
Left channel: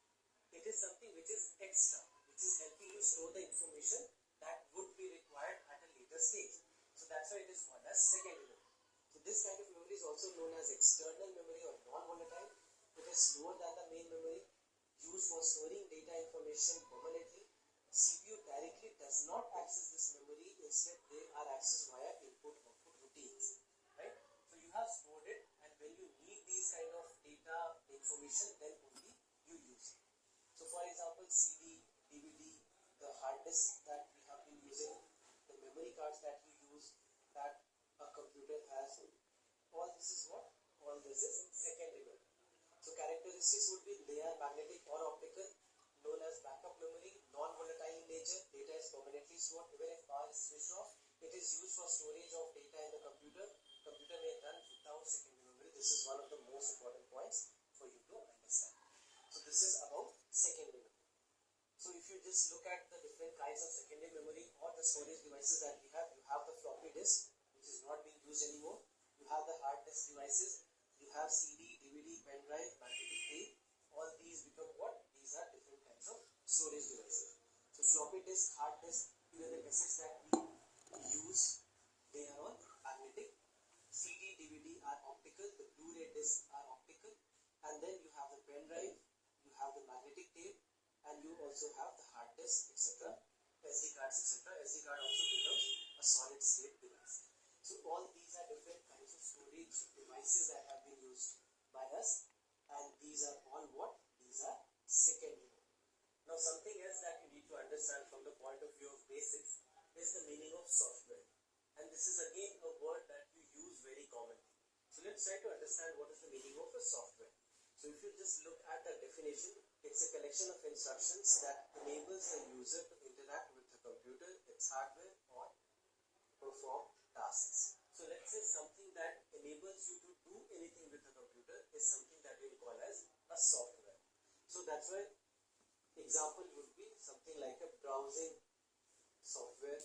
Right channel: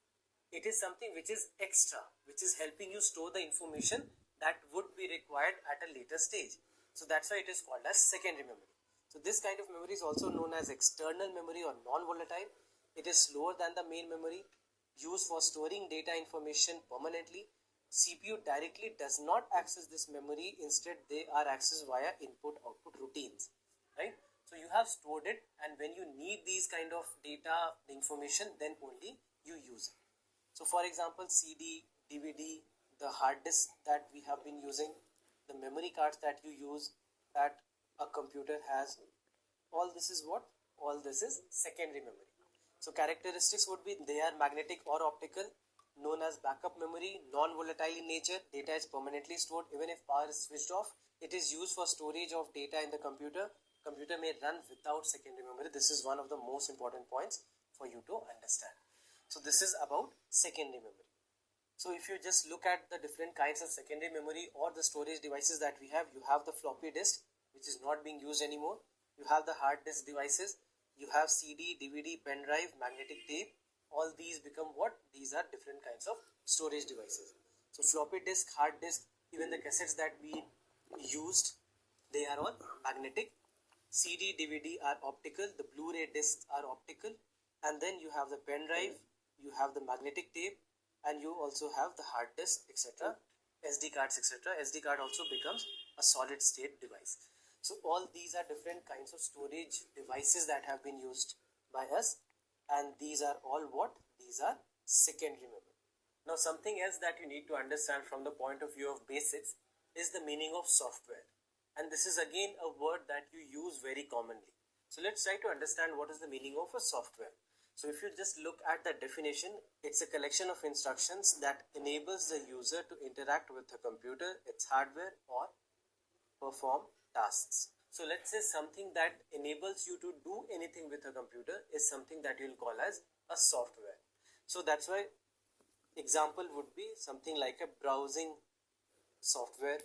It is something which is extra, which is helping you store the information that would be required at a later stage. So that's why it is called as secondary memory. So this kind of memory is also known as external memory or non-volatile. It is slower than the main memory. used for storing data information permanently. CPU directly does not access this memory, instead they are accessed via input-output routines, right? So you have stored it, and when you need these kind of data information, then only you use it. So for example, CD, DVD, the hard disk that we have been using, the memory cards that you use, that a computer has, all this is what? All this is secondary memory. So characteristics would be they are magnetic or optical, known as backup memory, non-volatile in nature, data is permanently stored even if power is switched off. It is used for storage of data in the computer. Computer may run without secondary memory. This is one of the most important points for you to understand. So this is about secondary memory. So if you just look at the different kinds of secondary memory or the storage devices that we have, you have the floppy disk, which is not being used anymore. You have the hard disk devices. You have CD, DVD, pen drive, magnetic tape. All these become what? These are different kinds of storage devices. So floppy disk, hard disk, even the cassettes that we used, they are all magnetic. CD, DVD are optical. The Blu-ray discs are optical. And then you have the pen drive, you have the magnetic tape, and you also have the hard disk, etc., SD cards, etc. SD card also becomes a solid state device. So all these are different kinds of storage devices that have been used by us, and these are all what? These are secondary memory. Now something else that you need to understand from the point of view of basics is the meaning of software, and this is again a word that you use very commonly. So let's try to understand what is the meaning of a software. So if you just look at the definition, it's a collection of instructions that enables the user to interact with the computer, its hardware, or perform tasks. So let's say something that enables you to do anything with a computer is something that you'll call as a software. So that's why example would be something like a browsing software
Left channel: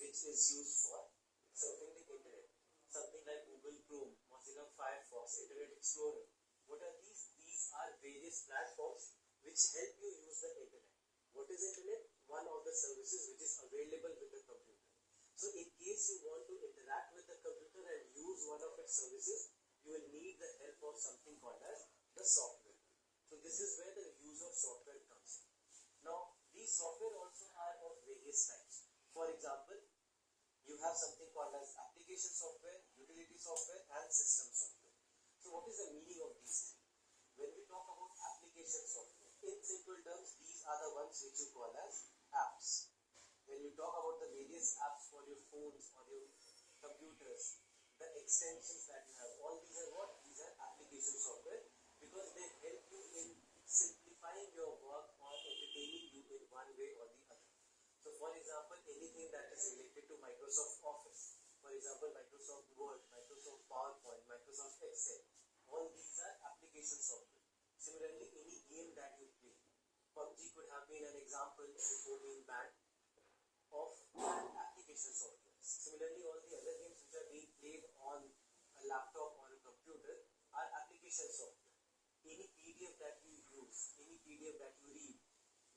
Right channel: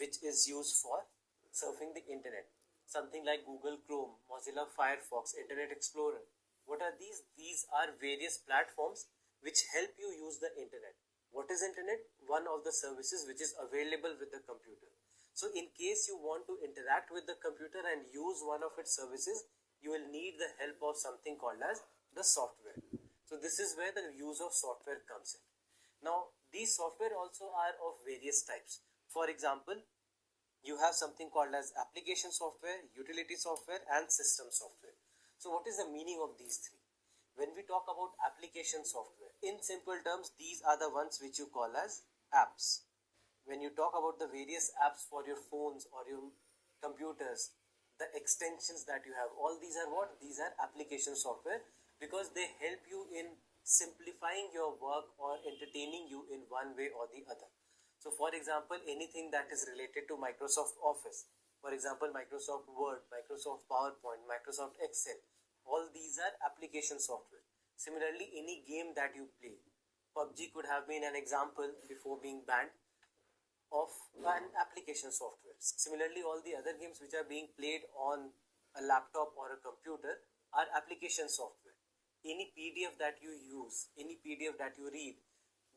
which is used for surfing the internet. Something like Google Chrome, Mozilla Firefox, Internet Explorer. What are these? These are various platforms which help you use the internet. What is internet? One of the services which is available with the computer. So in case you want to interact with the computer and use one of its services, you will need the help of something called as the software. So this is where the use of software comes in. Now these software also are of various types. For example, you have something called as application software, utility software, and system software. So what is the meaning of these three? When we talk about application software, in simple terms, these are the ones which you call as apps. When you talk about the various apps for your phones or your computers, the extensions that you have, all these are what? These are application software, because they help you in simplifying your work or entertaining you in one way or the other. So for example, anything that is related to Microsoft Office, for example, Microsoft Word, Microsoft PowerPoint, Microsoft Excel, all these are application software. Similarly, any game that you play, PUBG could have been an example before being banned of an application software. Similarly, all the other games which are being played on a laptop or a computer are application software. Any PDF that you use, any PDF that you read,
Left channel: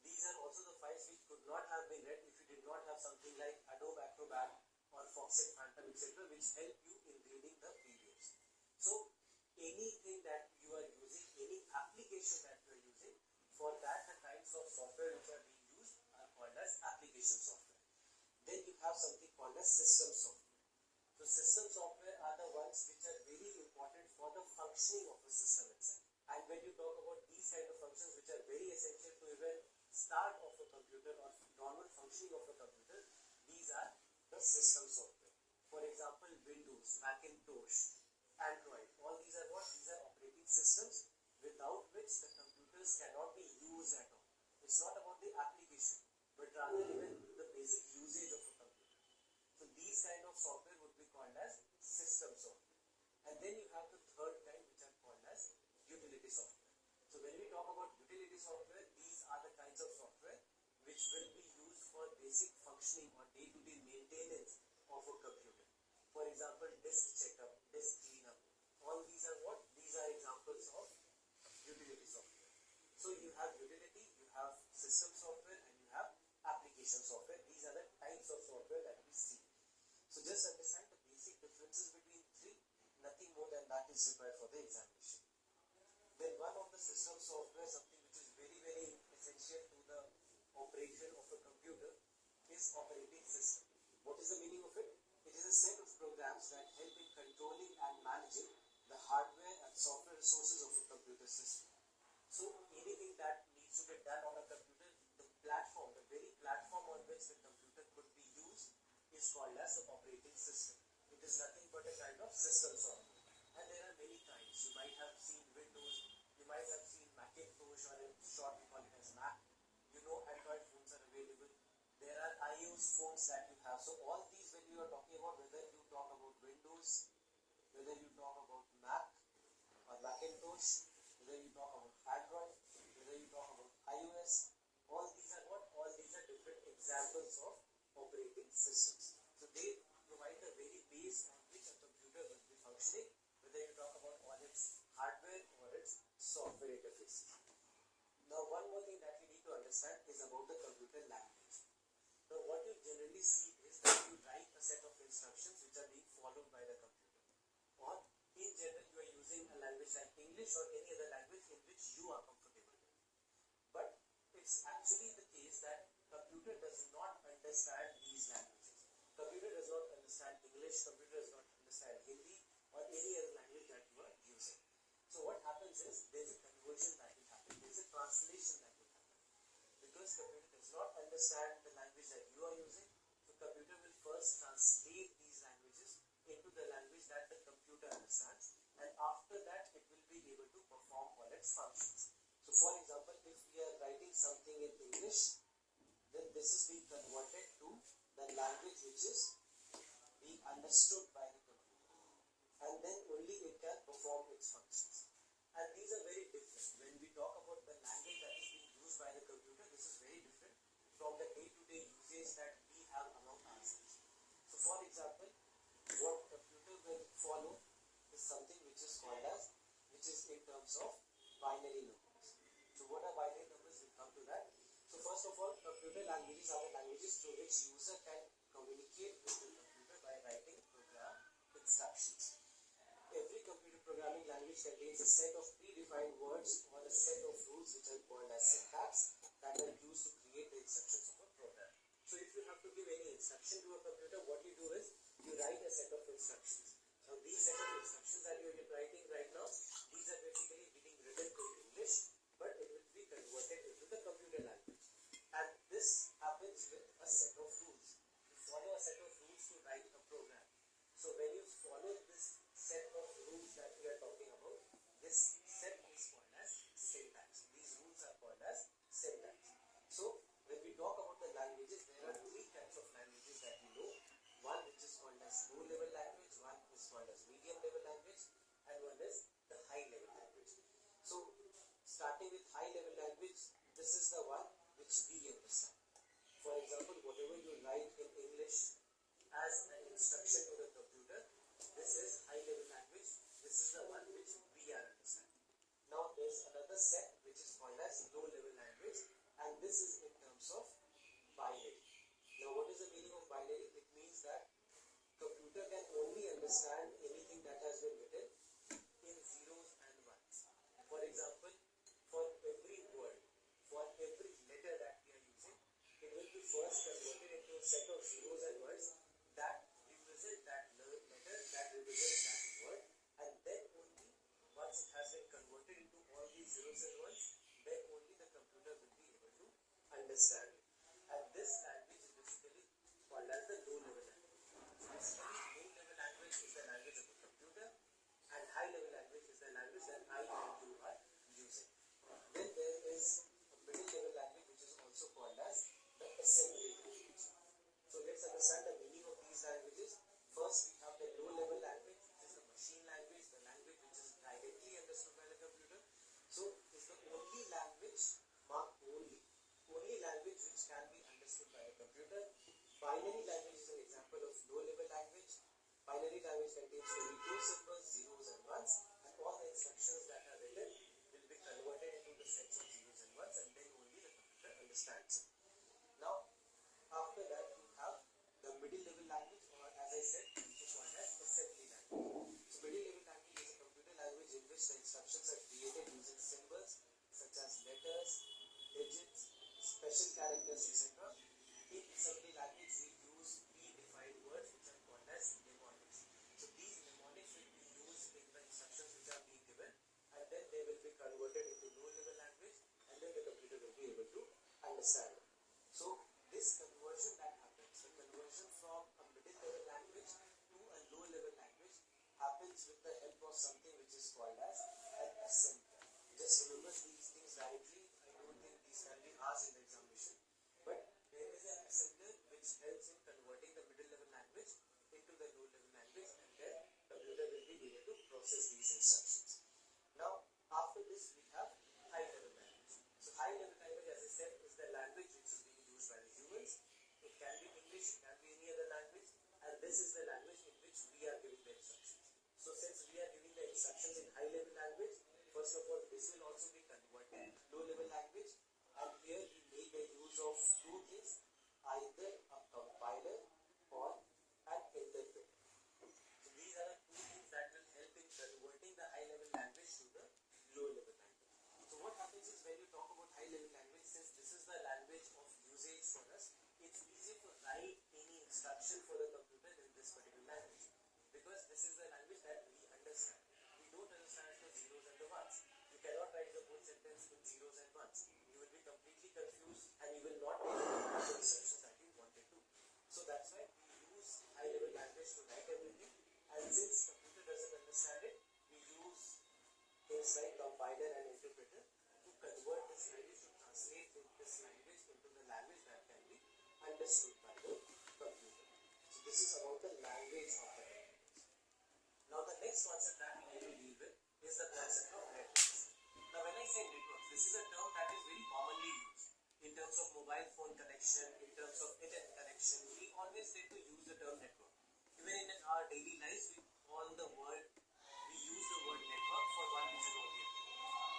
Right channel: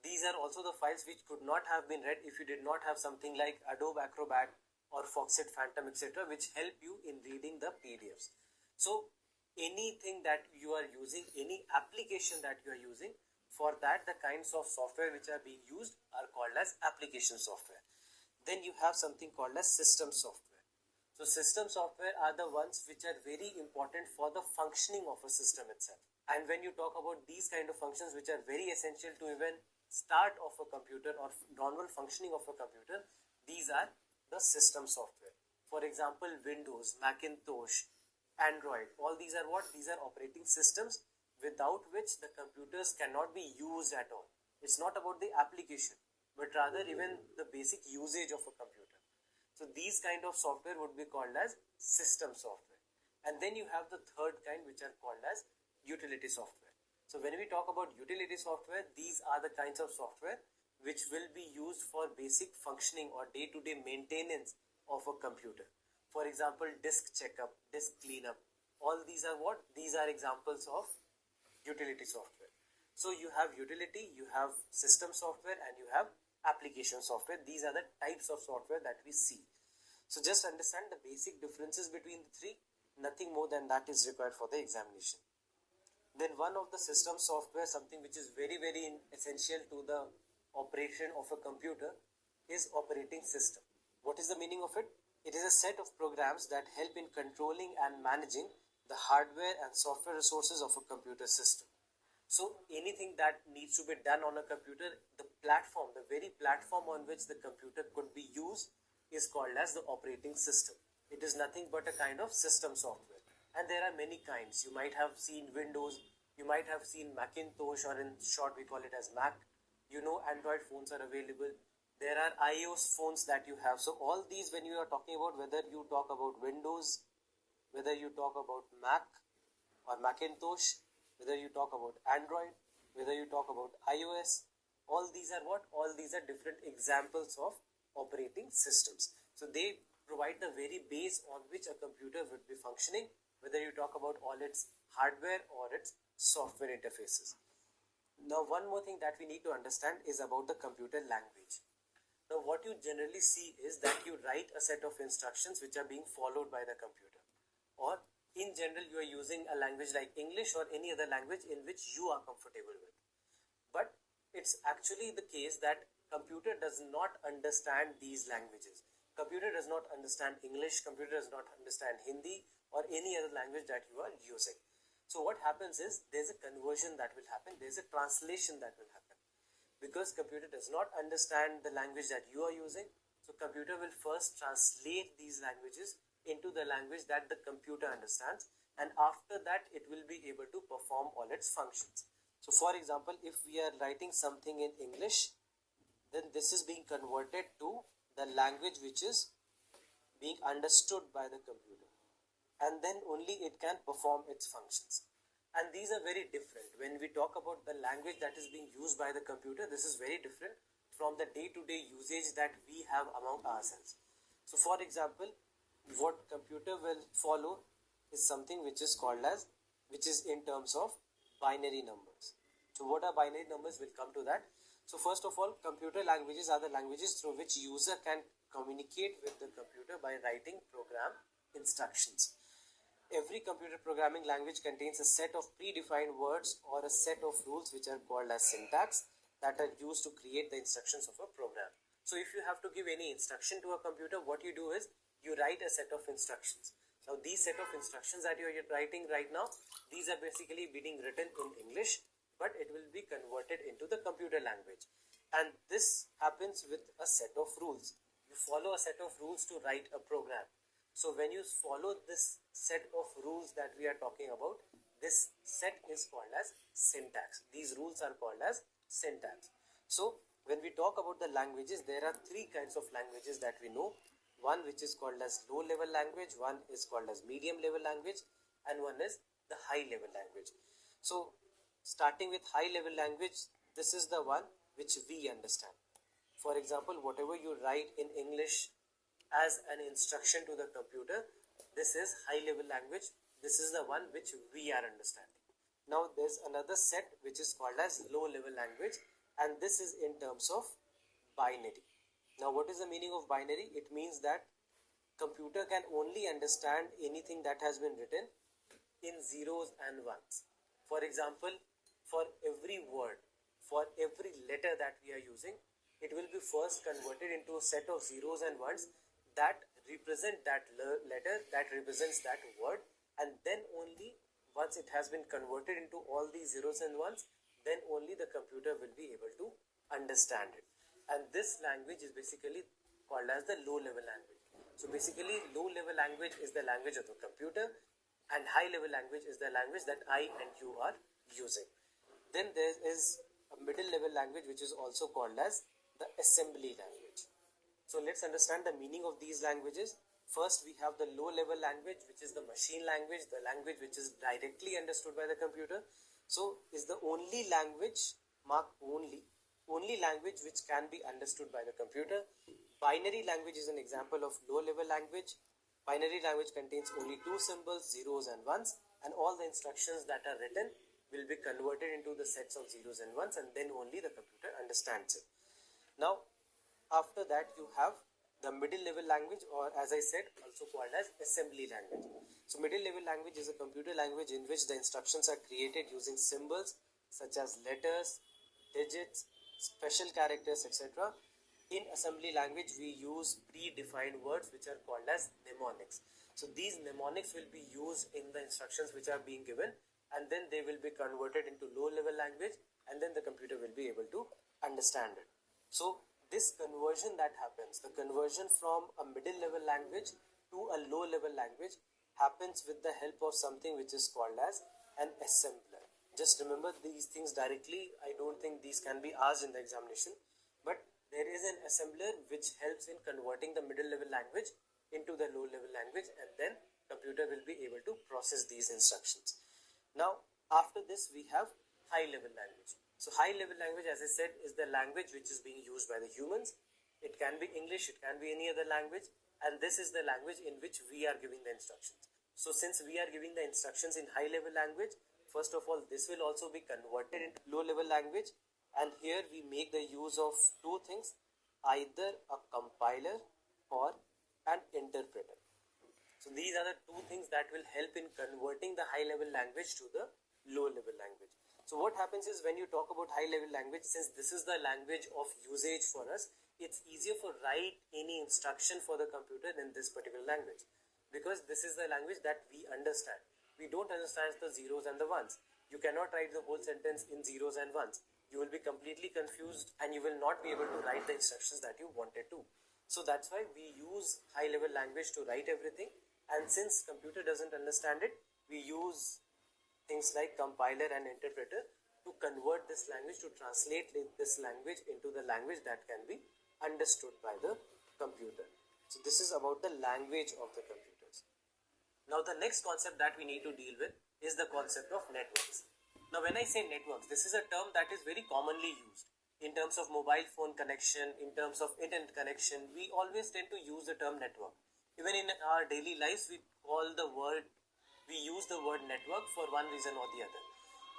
these are also the files which could not have been read if you did not have something like Adobe Acrobat or Foxit Phantom, etc., which help you in reading the PDFs. So anything that you are using, any application that you are using, for that the kinds of software which are being used are called as application software. Then you have something called as system software. So system software are the ones which are very important for the functioning of a system itself. And when you talk about these kind of functions which are very essential to even start of a computer or normal functioning of a computer, these are the system software. For example, Windows, Macintosh, Android, all these are what? These are operating systems without which the computers cannot be used at all. It's not about the application, but rather even the basic usage of a computer. So these kind of software would be called as system software. And then you have the third kind, which are called as utility software. So when we talk about utility software, these are the kinds of software which will be used for basic functioning or day-to-day maintenance of a computer. For example, disk checkup, disk cleanup, all these are what? These are examples of utility software. So you have utility, you have system software, and you have application software. These are the types of software that we see. So just understand the basic differences between the three. Nothing more than that is required for the examination. Then one of the system software, something which is very essential to the operation of a computer, is operating system. What is the meaning of it? It is a set of programs that help in controlling and managing the hardware and software resources of a computer system. So anything that needs to be done on a computer, the platform, the very platform on which the computer could be used, is called as the operating system. It is nothing but a kind of system software. And there are many kinds. You might have seen Windows, you might have seen Macintosh, or in short we call it as Mac. You know, Android phones are available. There are iOS phones that you have. So all these, when you are talking about, whether you talk about Windows, whether you talk about Mac or Macintosh, whether you talk about Android, whether you talk about iOS, all these are what? All these are different examples of operating systems. So they provide the very base on which a computer would be functioning, whether you talk about all its hardware or its software interfaces. Now, one more thing that we need to understand is about the computer language. Now, what you generally see is that you write a set of instructions which are being followed by the computer, or in general you are using a language like English or any other language in which you are comfortable with. But it's actually the case that computer does not understand these languages. Computer does not understand English, computer does not understand Hindi or any other language that you are using. So what happens is there's a conversion that will happen, there's a translation that will happen. Because computer does not understand the language that you are using, so computer will first translate these languages into the language that the computer understands, and after that it will be able to perform all its functions. So for example, if we are writing something in English, then this is being converted to the language which is being understood by the computer, and then only it can perform its functions. And these are very different. When we talk about the language that is being used by the computer, this is very different from the day-to-day usage that we have among ourselves. So for example, what computer will follow is something which is called as, which is in terms of binary numbers. So what are binary numbers? We'll come to that. So first of all, computer languages are the languages through which user can communicate with the computer by writing program instructions. Every computer programming language contains a set of predefined words or a set of rules which are called as syntax that are used to create the instructions of a program. So if you have to give any instruction to a computer, what you do is you write a set of instructions. Now these set of instructions that you are writing right now, these are basically being written in English, but it will be converted into the computer language. And this happens with a set of rules. You follow a set of rules to write a program. So when you follow this set of rules that we are talking about, this set is called as syntax. These rules are called as syntax. So when we talk about the languages, there are three kinds of languages that we know. One which is called as low level language, one is called as medium level language, and one is the high level language. So starting with high level language, this is the one which we understand. For example, whatever you write in English as an instruction to the computer, this is high level language. This is the one which we are understanding. Now there's another set which is called as low level language, and this is in terms of binary. Now what is the meaning of binary? It means that computer can only understand anything that has been written in zeros and ones. For example, for every word, for every letter that we are using, it will be first converted into a set of zeros and ones that represent that letter, that represents that word, and then only once it has been converted into all these zeros and ones, then only the computer will be able to understand it. And this language is basically called as the low level language. So basically low level language is the language of the computer, and high level language is the language that I and you are using. Then there is a middle level language which is also called as the assembly language. So let's understand the meaning of these languages. First we have the low level language, which is the machine language, the language which is directly understood by the computer. So is the only language, mark only language which can be understood by the computer. Binary language is an example of low level language. Binary language contains only two symbols, zeros and ones, and all the instructions that are written will be converted into the sets of zeros and ones, and then only the computer understands it. Now after that you have the middle level language, or as I said, also called as assembly language. So middle level language is a computer language in which the instructions are created using symbols such as letters, digits, special characters, etc. In assembly language, we use predefined words which are called as mnemonics. So these mnemonics will be used in the instructions which are being given, and then they will be converted into low level language, and then the computer will be able to understand it. So this conversion that happens, the conversion from a middle level language to a low level language, happens with the help of something which is called as an assembler. Just remember these things directly. I don't think these can be asked in the examination, but there is an assembler which helps in converting the middle level language into the low level language, and then computer will be able to process these instructions. Now after this we have high level language. So high level language, as I said, is the language which is being used by the humans. It can be English, it can be any other language, and this is the language in which we are giving the instructions. So since we are giving the instructions in high level language, first of all this will also be converted into low level language, and here we make the use of two things, either a compiler or an interpreter. So these are the two things that will help in converting the high level language to the low level language. So what happens is, when you talk about high level language, since this is the language of usage for us, it's easier for write any instruction for the computer in this particular language, because this is the language that we understand. We don't understand the zeros and the ones. You cannot write the whole sentence in zeros and ones. You will be completely confused and you will not be able to write the instructions that you wanted to. So that's why we use high level language to write everything, and since computer doesn't understand it, we use things like compiler and interpreter to convert this language, to translate this language into the language that can be understood by the computer. So this is about the language of the computers. Now the next concept that we need to deal with is the concept of networks. Now when I say networks, this is a term that is very commonly used in terms of mobile phone connection, in terms of internet connection. We always tend to use the term network. Even in our daily lives, we use the word network for one reason or the other.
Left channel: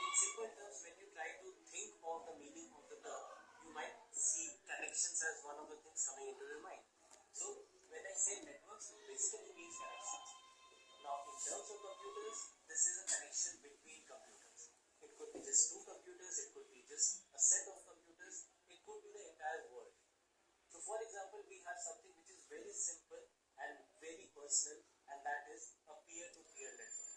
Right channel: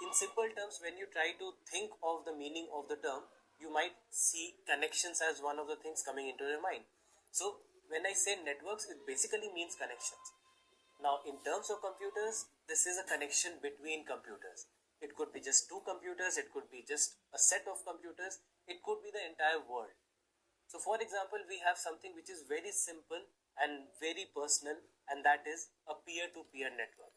In simple terms, when you try to think of the meaning of the term, you might see connections as one of the things coming into your mind. So when I say networks, it basically means connections. Now in terms of computers, this is a connection between computers. It could be just two computers, it could be just a set of computers, it could be the entire world. So for example, we have something which is very simple and very personal, and that is a peer-to-peer network.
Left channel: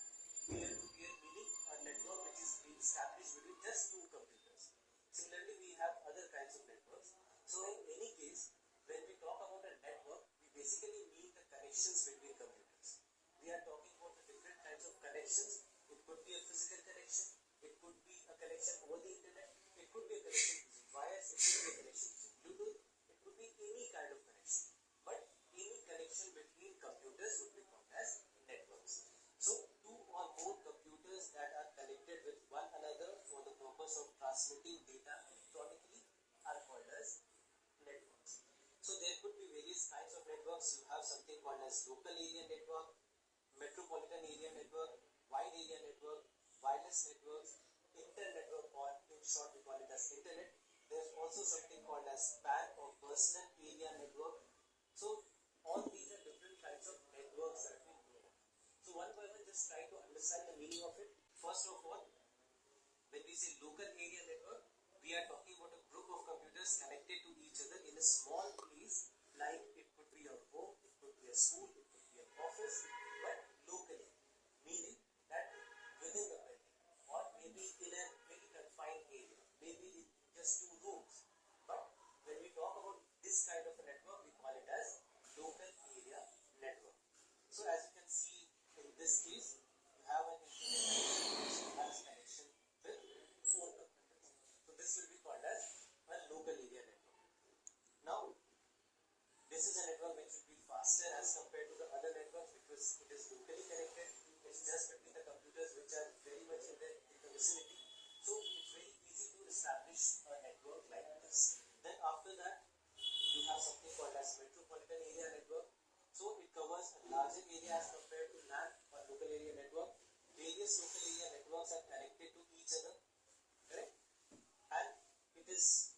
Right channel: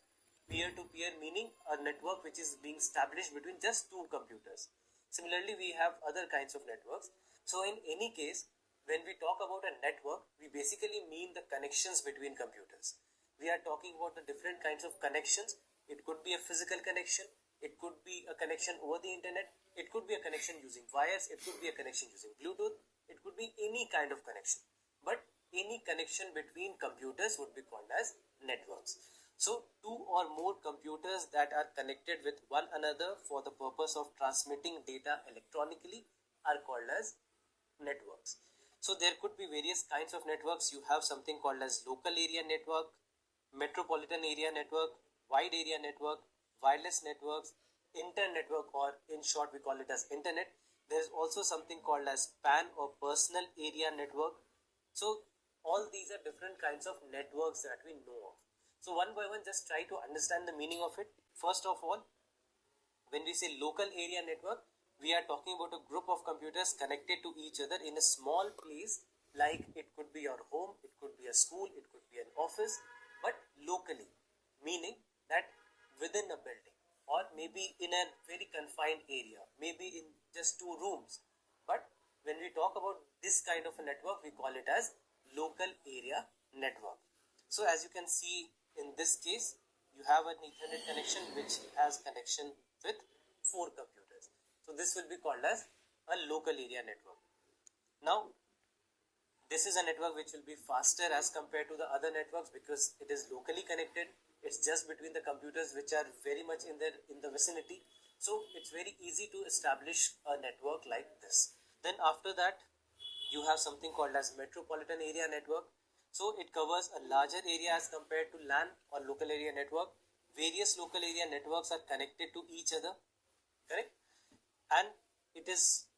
Peer-to-peer meaning a network which is being established between just two computers. Similarly, we have other kinds of networks. So in any case, when we talk about a network, we basically mean the connections between computers. We are talking about the different kinds of connections. It could be a physical connection, it could be a connection over the internet, it could be a connection using wires, it could be a connection using Bluetooth, it could be any kind of connection. But any connection between computers would be called as networks. So two or more computers that are connected with one another for the purpose of transmitting data electronically are called as networks. So there could be various kinds of networks. You have something called as local area network, metropolitan area network, wide area network, wireless networks, inter-network, or in short we call it as internet. There is also something called as PAN or personal area network. So all these are different kinds of networks that we know of. So one by one, just try to understand the meaning of it. First of all, when we say local area network, we are talking about a group of computers connected to each other in a small place, like it could be your home, it could be a school, it could be an office, but locally, meaning that within a building, or maybe in a very confined area, maybe in just two rooms. But when we talk about this kind of a network, we call it as local area network. So as you can see in this case, you have an internet connection which has connection with 4 computers. So this will be called as a local area network. Now this is a network which will be faster as compared to the other networks because it is locally connected. It's just between the computers which are very much in the vicinity. So it's very easy to establish a network like this. Then after that, you have something called as metropolitan area network. So it covers a larger area as compared to LAN or local area network. Various local area networks are connected to each other, correct? And it is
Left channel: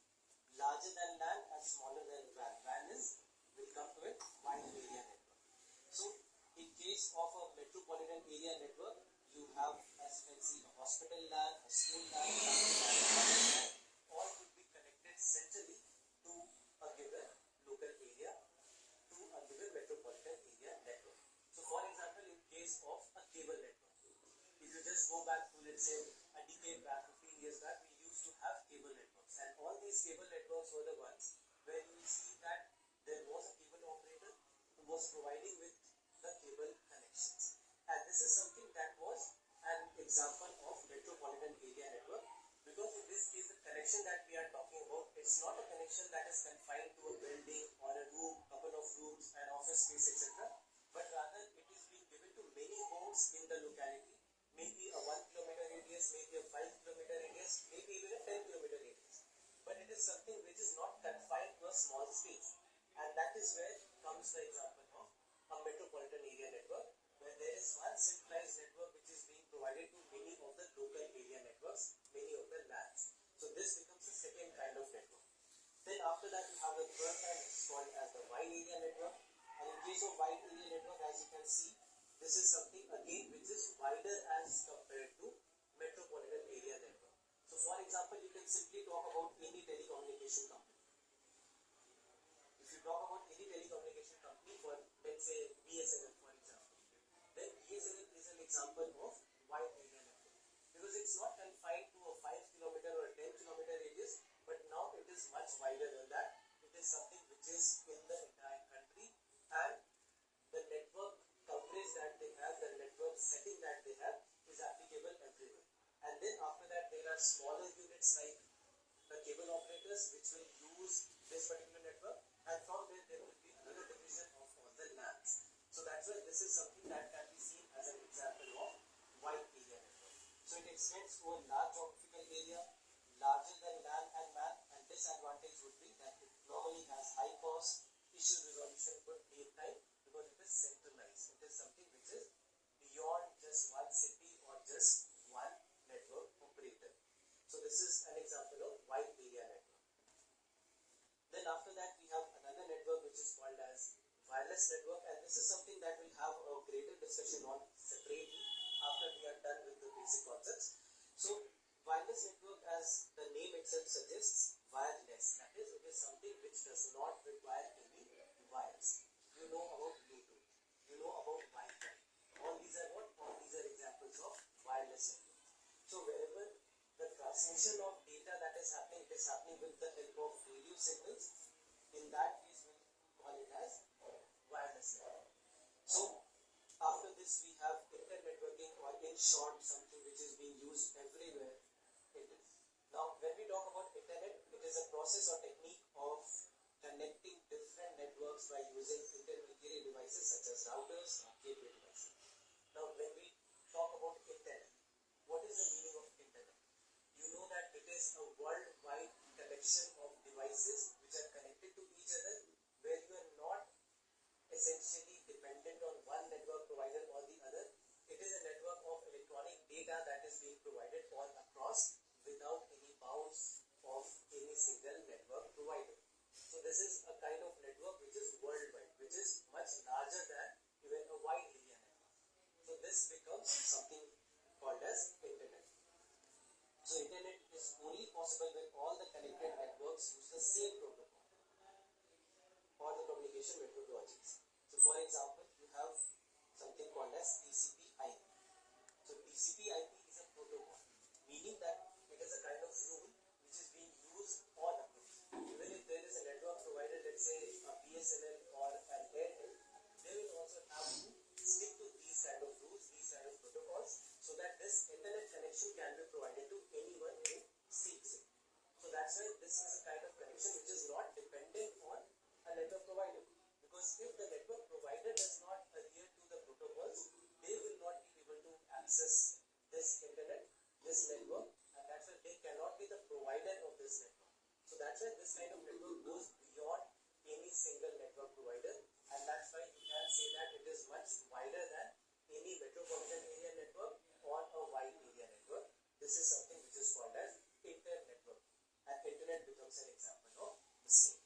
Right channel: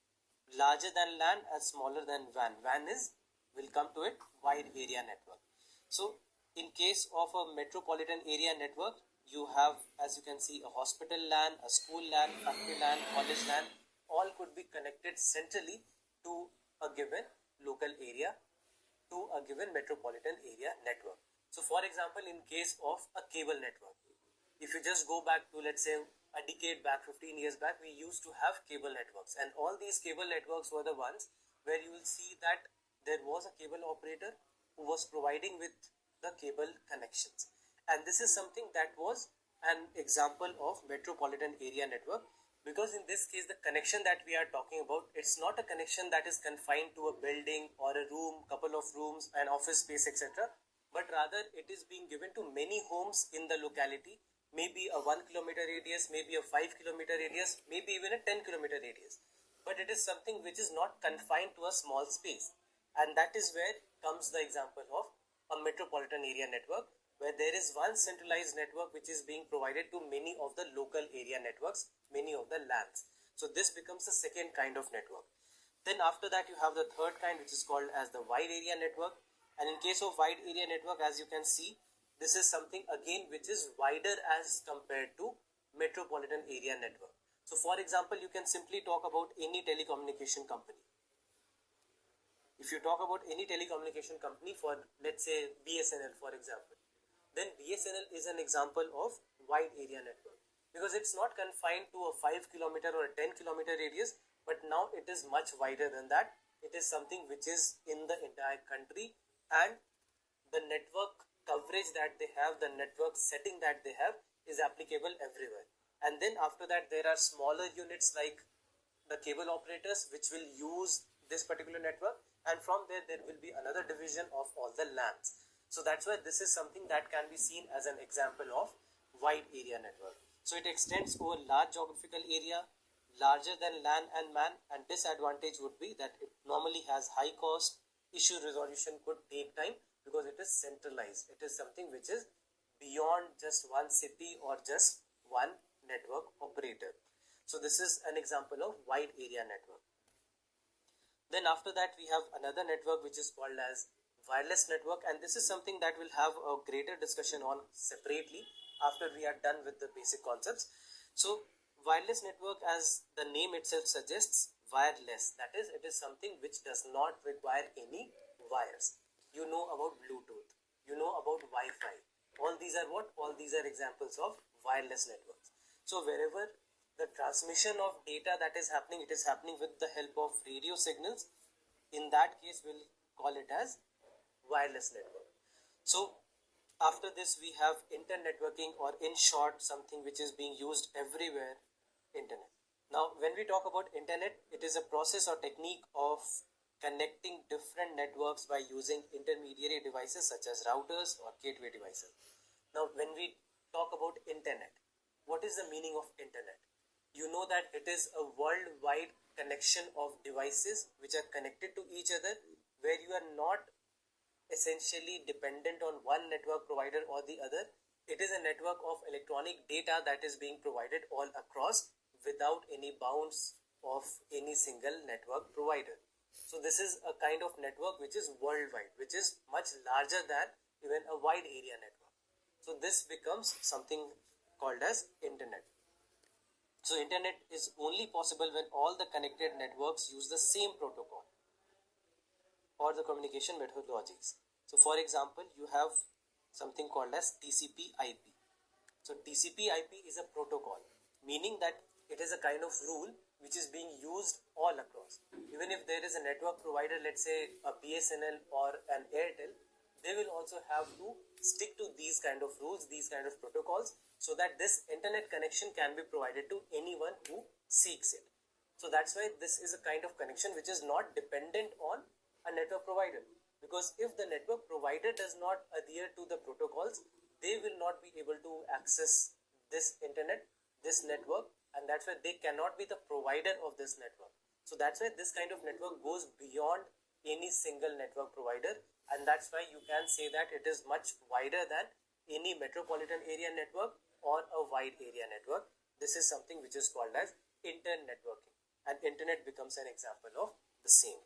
larger than LAN and smaller than WAN. WAN is we'll come to it, wide area network. So in case of a metropolitan area network, you have, as you can see, a hospital LAN, a school LAN, factory LAN, college LAN, all could be connected centrally to a given local area, to a given metropolitan area network. So for example, in case of a cable network, if you just go back to, let's say, a decade back, 15 years back, we used to have cable networks, and all these cable networks were the ones where you will see that there was a cable operator who was providing with the cable connections, and this is something that was an example of metropolitan area network, because in this case the connection that we are talking about, it's not a connection that is confined to a building or a room, couple of rooms, an office space, etc., but rather it is being given to many homes in the locality, maybe a 1 kilometer radius, maybe a 5 kilometer radius, maybe even a 10 kilometer radius, but it is something which is not confined to a small space, and that is where comes the example of a metropolitan area network, where there is one centralized network which is being provided to many of the local area networks, many of the LANs. So this becomes the second kind of network. Then after that you have the third kind, which is called as the wide area network, and in case of wide area network, as you can see, this is something again which is wider as compared to metropolitan area network. So for example, you can simply talk about any telecommunication company. If you talk about any telecommunication company, for let's say BSNL for example, then BSNL is an example of wide area network, because it's not confined to a 5 kilometer or a 10 kilometer radius, but now it is much wider than that. It is something which is in the entire country, and the network coverage that they have, the network setting that they have, is applicable everywhere. And then after that there are smaller units like the cable operators which will use this particular network, and from there will be another division of all the LANs. So that's why this is something that can be seen as an example of wide area network. So it extends over large geographical area, larger than LAN and MAN, and disadvantage would be that it normally has high cost, issue resolution could take time because it is centralized. It is something which is beyond just one city or just one network operator. So this is an example of wide area network. Then after that we have another network which is called as wireless network, and this is something that we'll have a greater discussion on separately after we are done with the basic concepts. So wireless network, as the name itself suggests, wireless, that is, it is something which does not require any wires. You know about Bluetooth, you know about Wi-Fi, all these are what? All these are examples of wireless networks. So wherever the transmission of data that is happening, it is happening with the help of radio signals. In that case we'll call it as wireless network. So after this we have internet networking, or in short something which is being used everywhere, internet. Now when we talk about internet, it is a process or technique of connecting different networks by using intermediary devices such as routers or gateway devices. Now when we talk about internet, what is the meaning of internet? You know that it is a worldwide connection of devices which are connected to each other, where you are not essentially dependent on one network provider or the other. It is a network of electronic data that is being provided all across without any bounds of any single network provider. So this is a kind of network which is worldwide, which is much larger than even a wide area network. So this becomes something called as internet. So internet is only possible when all the connected networks use the same protocol or the communication methodologies. So for example, you have something called as TCP/IP. So TCP/IP is a protocol, meaning that it is a kind of rule which is being used all across. Even if there is a network provider, let's say a BSNL or an Airtel, they will also have to stick to these kind of rules, these kind of protocols, so that this internet connection can be provided to anyone who seeks it. So that's why this is a kind of connection which is not dependent on a network provider, because if the network provider does not adhere to the protocols, they will not be able to access this internet, this network, and that's why they cannot be the provider of this network. So that's why this kind of network goes beyond any single network provider, and that's why you can say that it is much wider than any metropolitan area network or a wide area network. This is something which is called as internet networking, and internet becomes an example of the same.